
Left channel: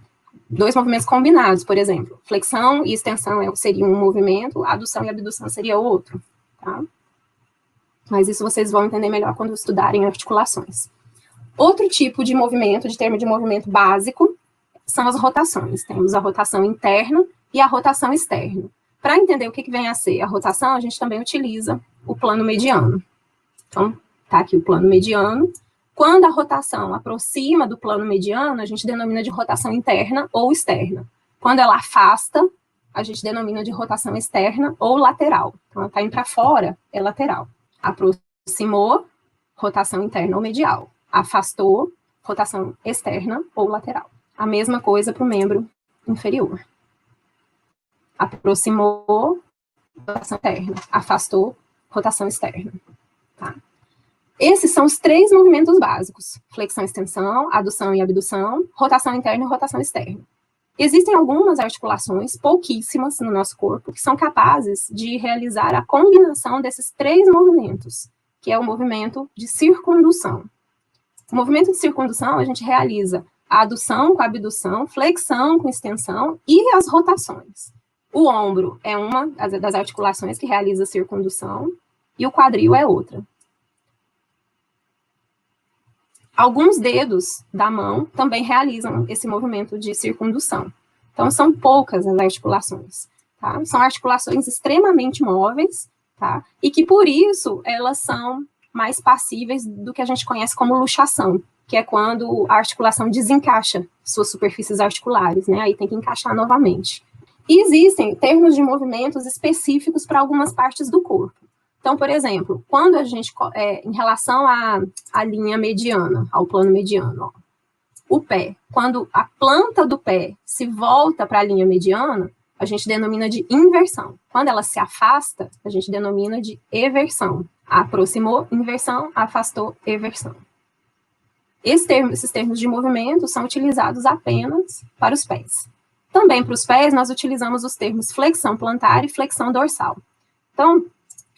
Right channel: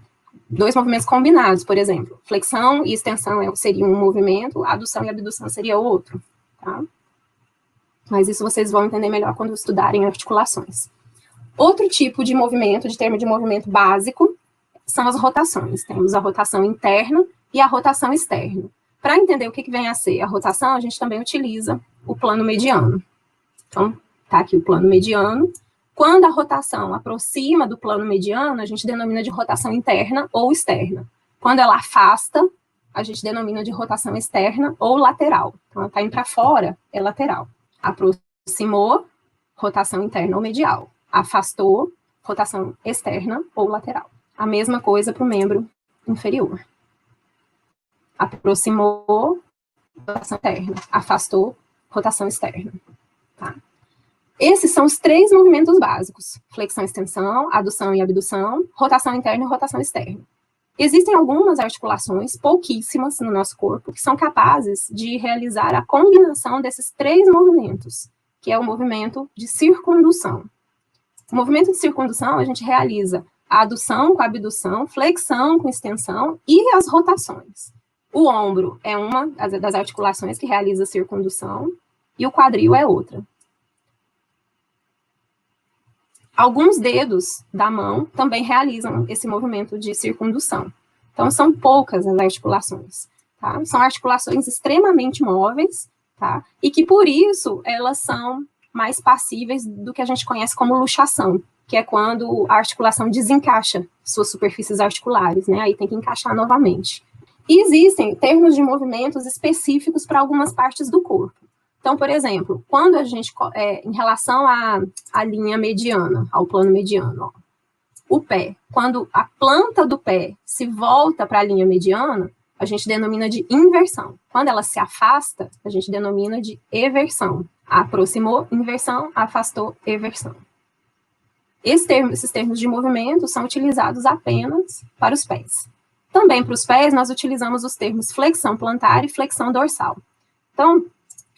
2 movimentos combinados, por exemplo. Flexão e extensão seria um movimento, adução e abdução seria outro. Tá? Mas isso vocês vão entender melhor quando estudarem articulações. Outro tipo de movimento, de termo de movimento básico, são as rotações. Temos a rotação interna e a rotação externa. Para entender o que vem a ser a rotação, a gente também utiliza o plano mediano. Então, tá aqui o plano mediano. Quando a rotação aproxima do plano mediano, a gente denomina de rotação interna ou externa. Quando ela afasta, a gente denomina de rotação externa ou lateral. Então, ela está indo para fora, é lateral. Aproximou, rotação interna ou medial. Afastou, rotação externa ou lateral. A mesma coisa para o membro inferior. Aproximou, rotação interna. Afastou, rotação externa. Tá? Esses são os 3 movimentos básicos. Flexão, extensão, adução e abdução, rotação interna e rotação externa. Existem algumas articulações, pouquíssimas no nosso corpo, que são capazes de realizar a combinação desses 3 movimentos, que é o movimento de circundução. O movimento de circundução, a gente realiza a adução com a abdução, flexão com extensão e as rotações. O ombro é uma das articulações que realiza a circundução e o quadril é outra. Alguns dedos da mão também realizam esse movimento de circundução. Então, são poucas as articulações. Tá? São articulações extremamente móveis, tá? E que, por isso, elas são mais passíveis do que a gente conhece como luxação, que é quando a articulação desencaixa suas superfícies articulares, né? Aí tem que encaixar novamente. E existem termos de movimentos específicos para algumas partes do corpo. Então, por exemplo, quando a gente, em relação à linha mediana, ao plano mediano, ó, o pé, quando a planta do pé se volta para a linha mediana, a gente denomina de inversão. Quando ela se afasta, a gente denomina de eversão. Aproximou, inversão, afastou, eversão. Esses termos de movimento são utilizados apenas para os pés. Também para os pés, nós utilizamos os termos flexão plantar e flexão dorsal. Então,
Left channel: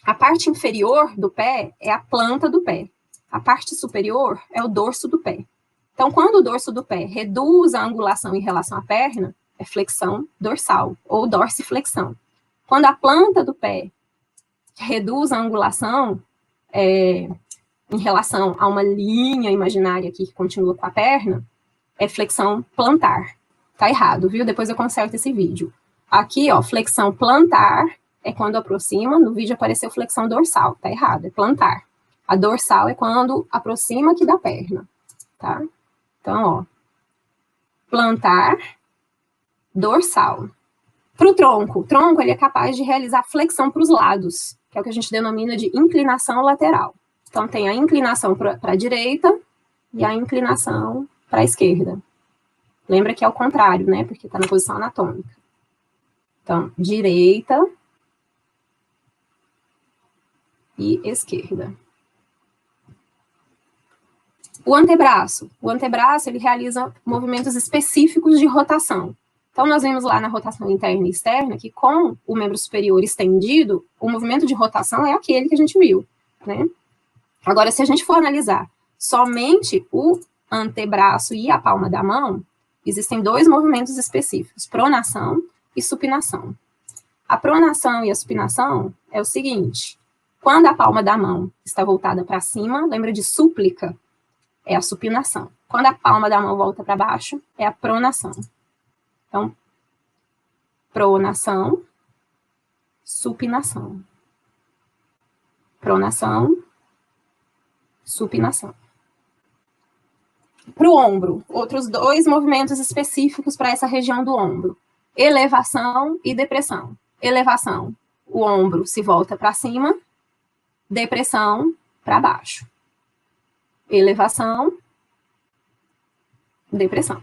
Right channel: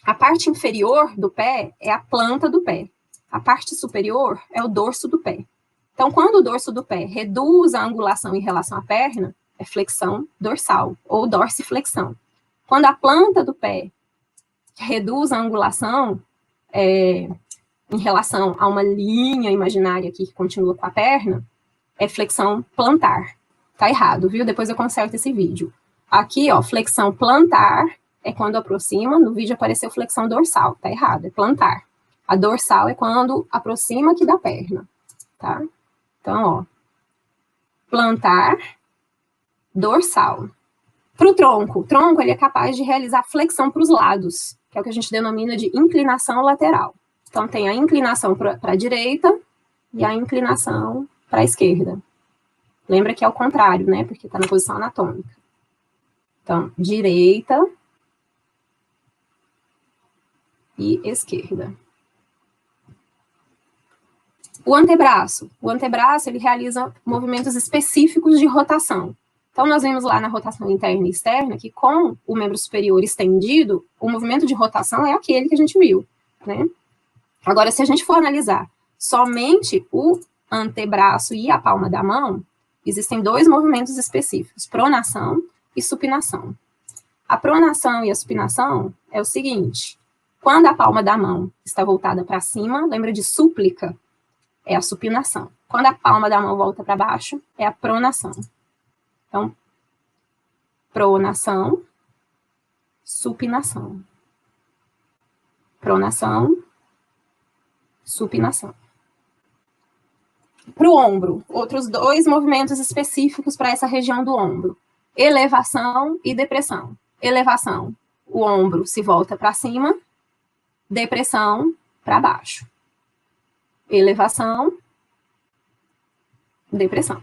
a parte inferior do pé é a planta do pé. A parte superior é o dorso do pé. Então, quando o dorso do pé reduz a angulação em relação à perna, é flexão dorsal, ou dorsiflexão. Quando a planta do pé reduz a angulação em relação a uma linha imaginária aqui que continua com a perna, é flexão plantar. Tá errado, viu? Depois eu conserto esse vídeo. Aqui, ó, flexão plantar é quando aproxima, no vídeo apareceu flexão dorsal, tá errado, é plantar. A dorsal é quando aproxima aqui da perna, tá? Então, ó, plantar, dorsal. Para o tronco ele é capaz de realizar flexão para os lados, que é o que a gente denomina de inclinação lateral. Então, tem a inclinação para a direita e a inclinação para a esquerda. Lembra que é o contrário, né? Porque está na posição anatômica. Então, direita e esquerda. O antebraço ele realiza movimentos específicos de rotação. Então, nós vimos lá na rotação interna e externa que com o membro superior estendido, o movimento de rotação é aquele que a gente viu, né? Agora, se a gente for analisar somente o antebraço e a palma da mão, existem 2 movimentos específicos, pronação e supinação. A pronação e a supinação é o seguinte, quando a palma da mão está voltada para cima, lembra de súplica? É a supinação. Quando a palma da mão volta para baixo, é a pronação. Então, pronação, supinação. Pronação, supinação. Para o ombro, outros 2 movimentos específicos para essa região do ombro. Elevação e depressão. Elevação, o ombro se volta para cima, depressão para baixo. elevação, depressão.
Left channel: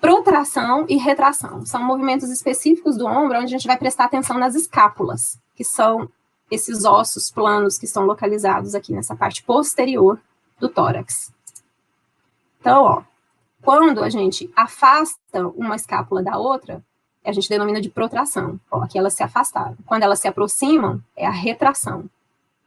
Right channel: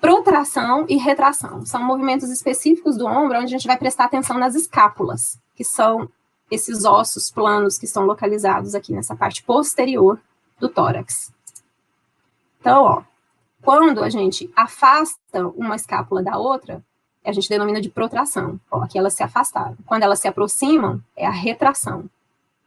Protração e retração são movimentos específicos do ombro, onde a gente vai prestar atenção nas escápulas, que são esses ossos planos que estão localizados aqui nessa parte posterior do tórax. Então, ó, quando a gente afasta uma escápula da outra, a gente denomina de protração. Ó, aqui elas se afastaram. Quando elas se aproximam, é a retração.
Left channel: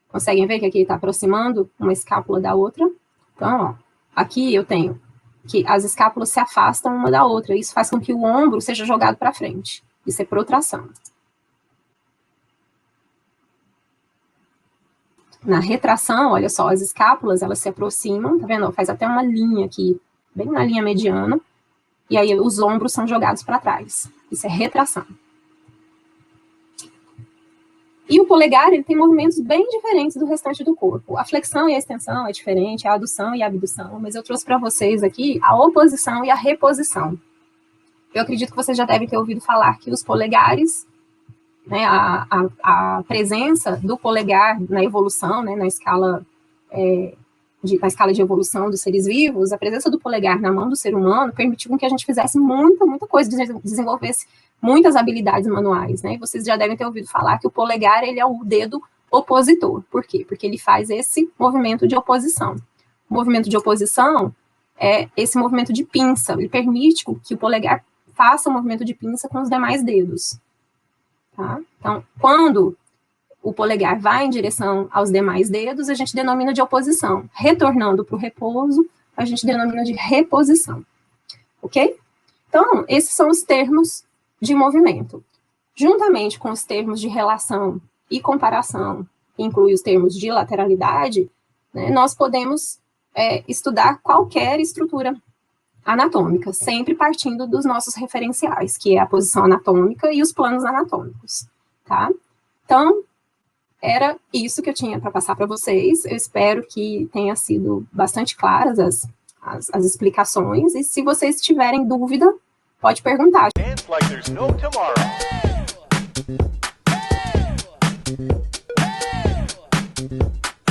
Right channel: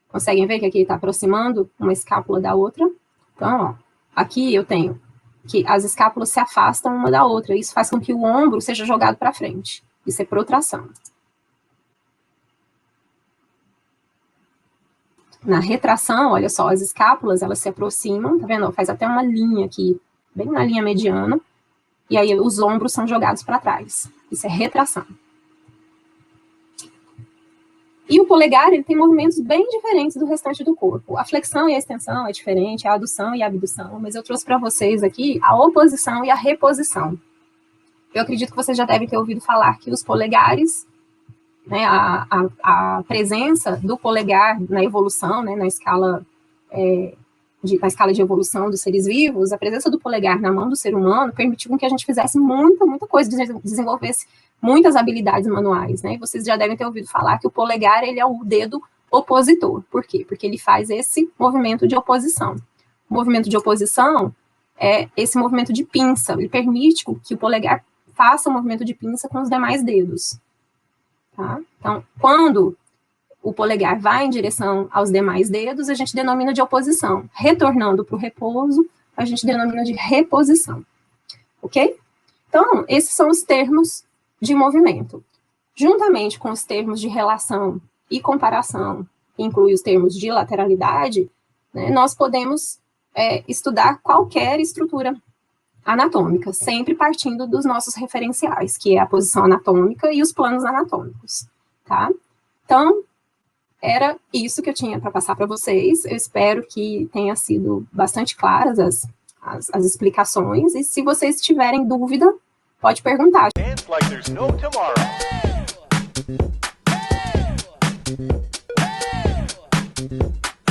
Conseguem ver que aqui está aproximando uma escápula da outra? Então, ó, aqui eu tenho que as escápulas se afastam uma da outra. Isso faz com que o ombro seja jogado para frente. Isso é protração. Na retração, olha só, as escápulas, elas se aproximam, tá vendo? Faz até uma linha aqui, bem na linha mediana, e aí os ombros são jogados para trás. Isso é retração. E o polegar, ele tem movimentos bem diferentes do restante do corpo. A flexão e a extensão é diferente, a adução e a abdução, mas eu trouxe para vocês aqui a oposição e a reposição. Eu acredito que vocês já devem ter ouvido falar que os polegares, né, a presença do polegar na evolução, né, na escala de evolução dos seres vivos, a presença do polegar na mão do ser humano permitiu que a gente fizesse muita coisa, desenvolvesse muitas habilidades manuais, né? Vocês já devem ter ouvido falar que o polegar, ele é o dedo opositor. Por quê? Porque ele faz esse movimento de oposição. O movimento de oposição é esse movimento de pinça. Ele permite que o polegar faça o movimento de pinça com os demais dedos. Tá? Então, quando o polegar vai em direção aos demais dedos, a gente denomina de oposição. Retornando para o repouso, a gente denomina de reposição. Ok? Então, esses são os termos de movimento. Juntamente com os termos de relação e comparação, que inclui os termos de lateralidade, né, nós podemos estudar qualquer estrutura anatômica, sempre partindo dos nossos referenciais, que é a posição anatômica e os planos anatômicos, tá? Então, era isso que eu tinha para passar para vocês. Eu espero que tenha sido bastante claras as explicações, e se vocês tiverem dúvida, pode perguntar.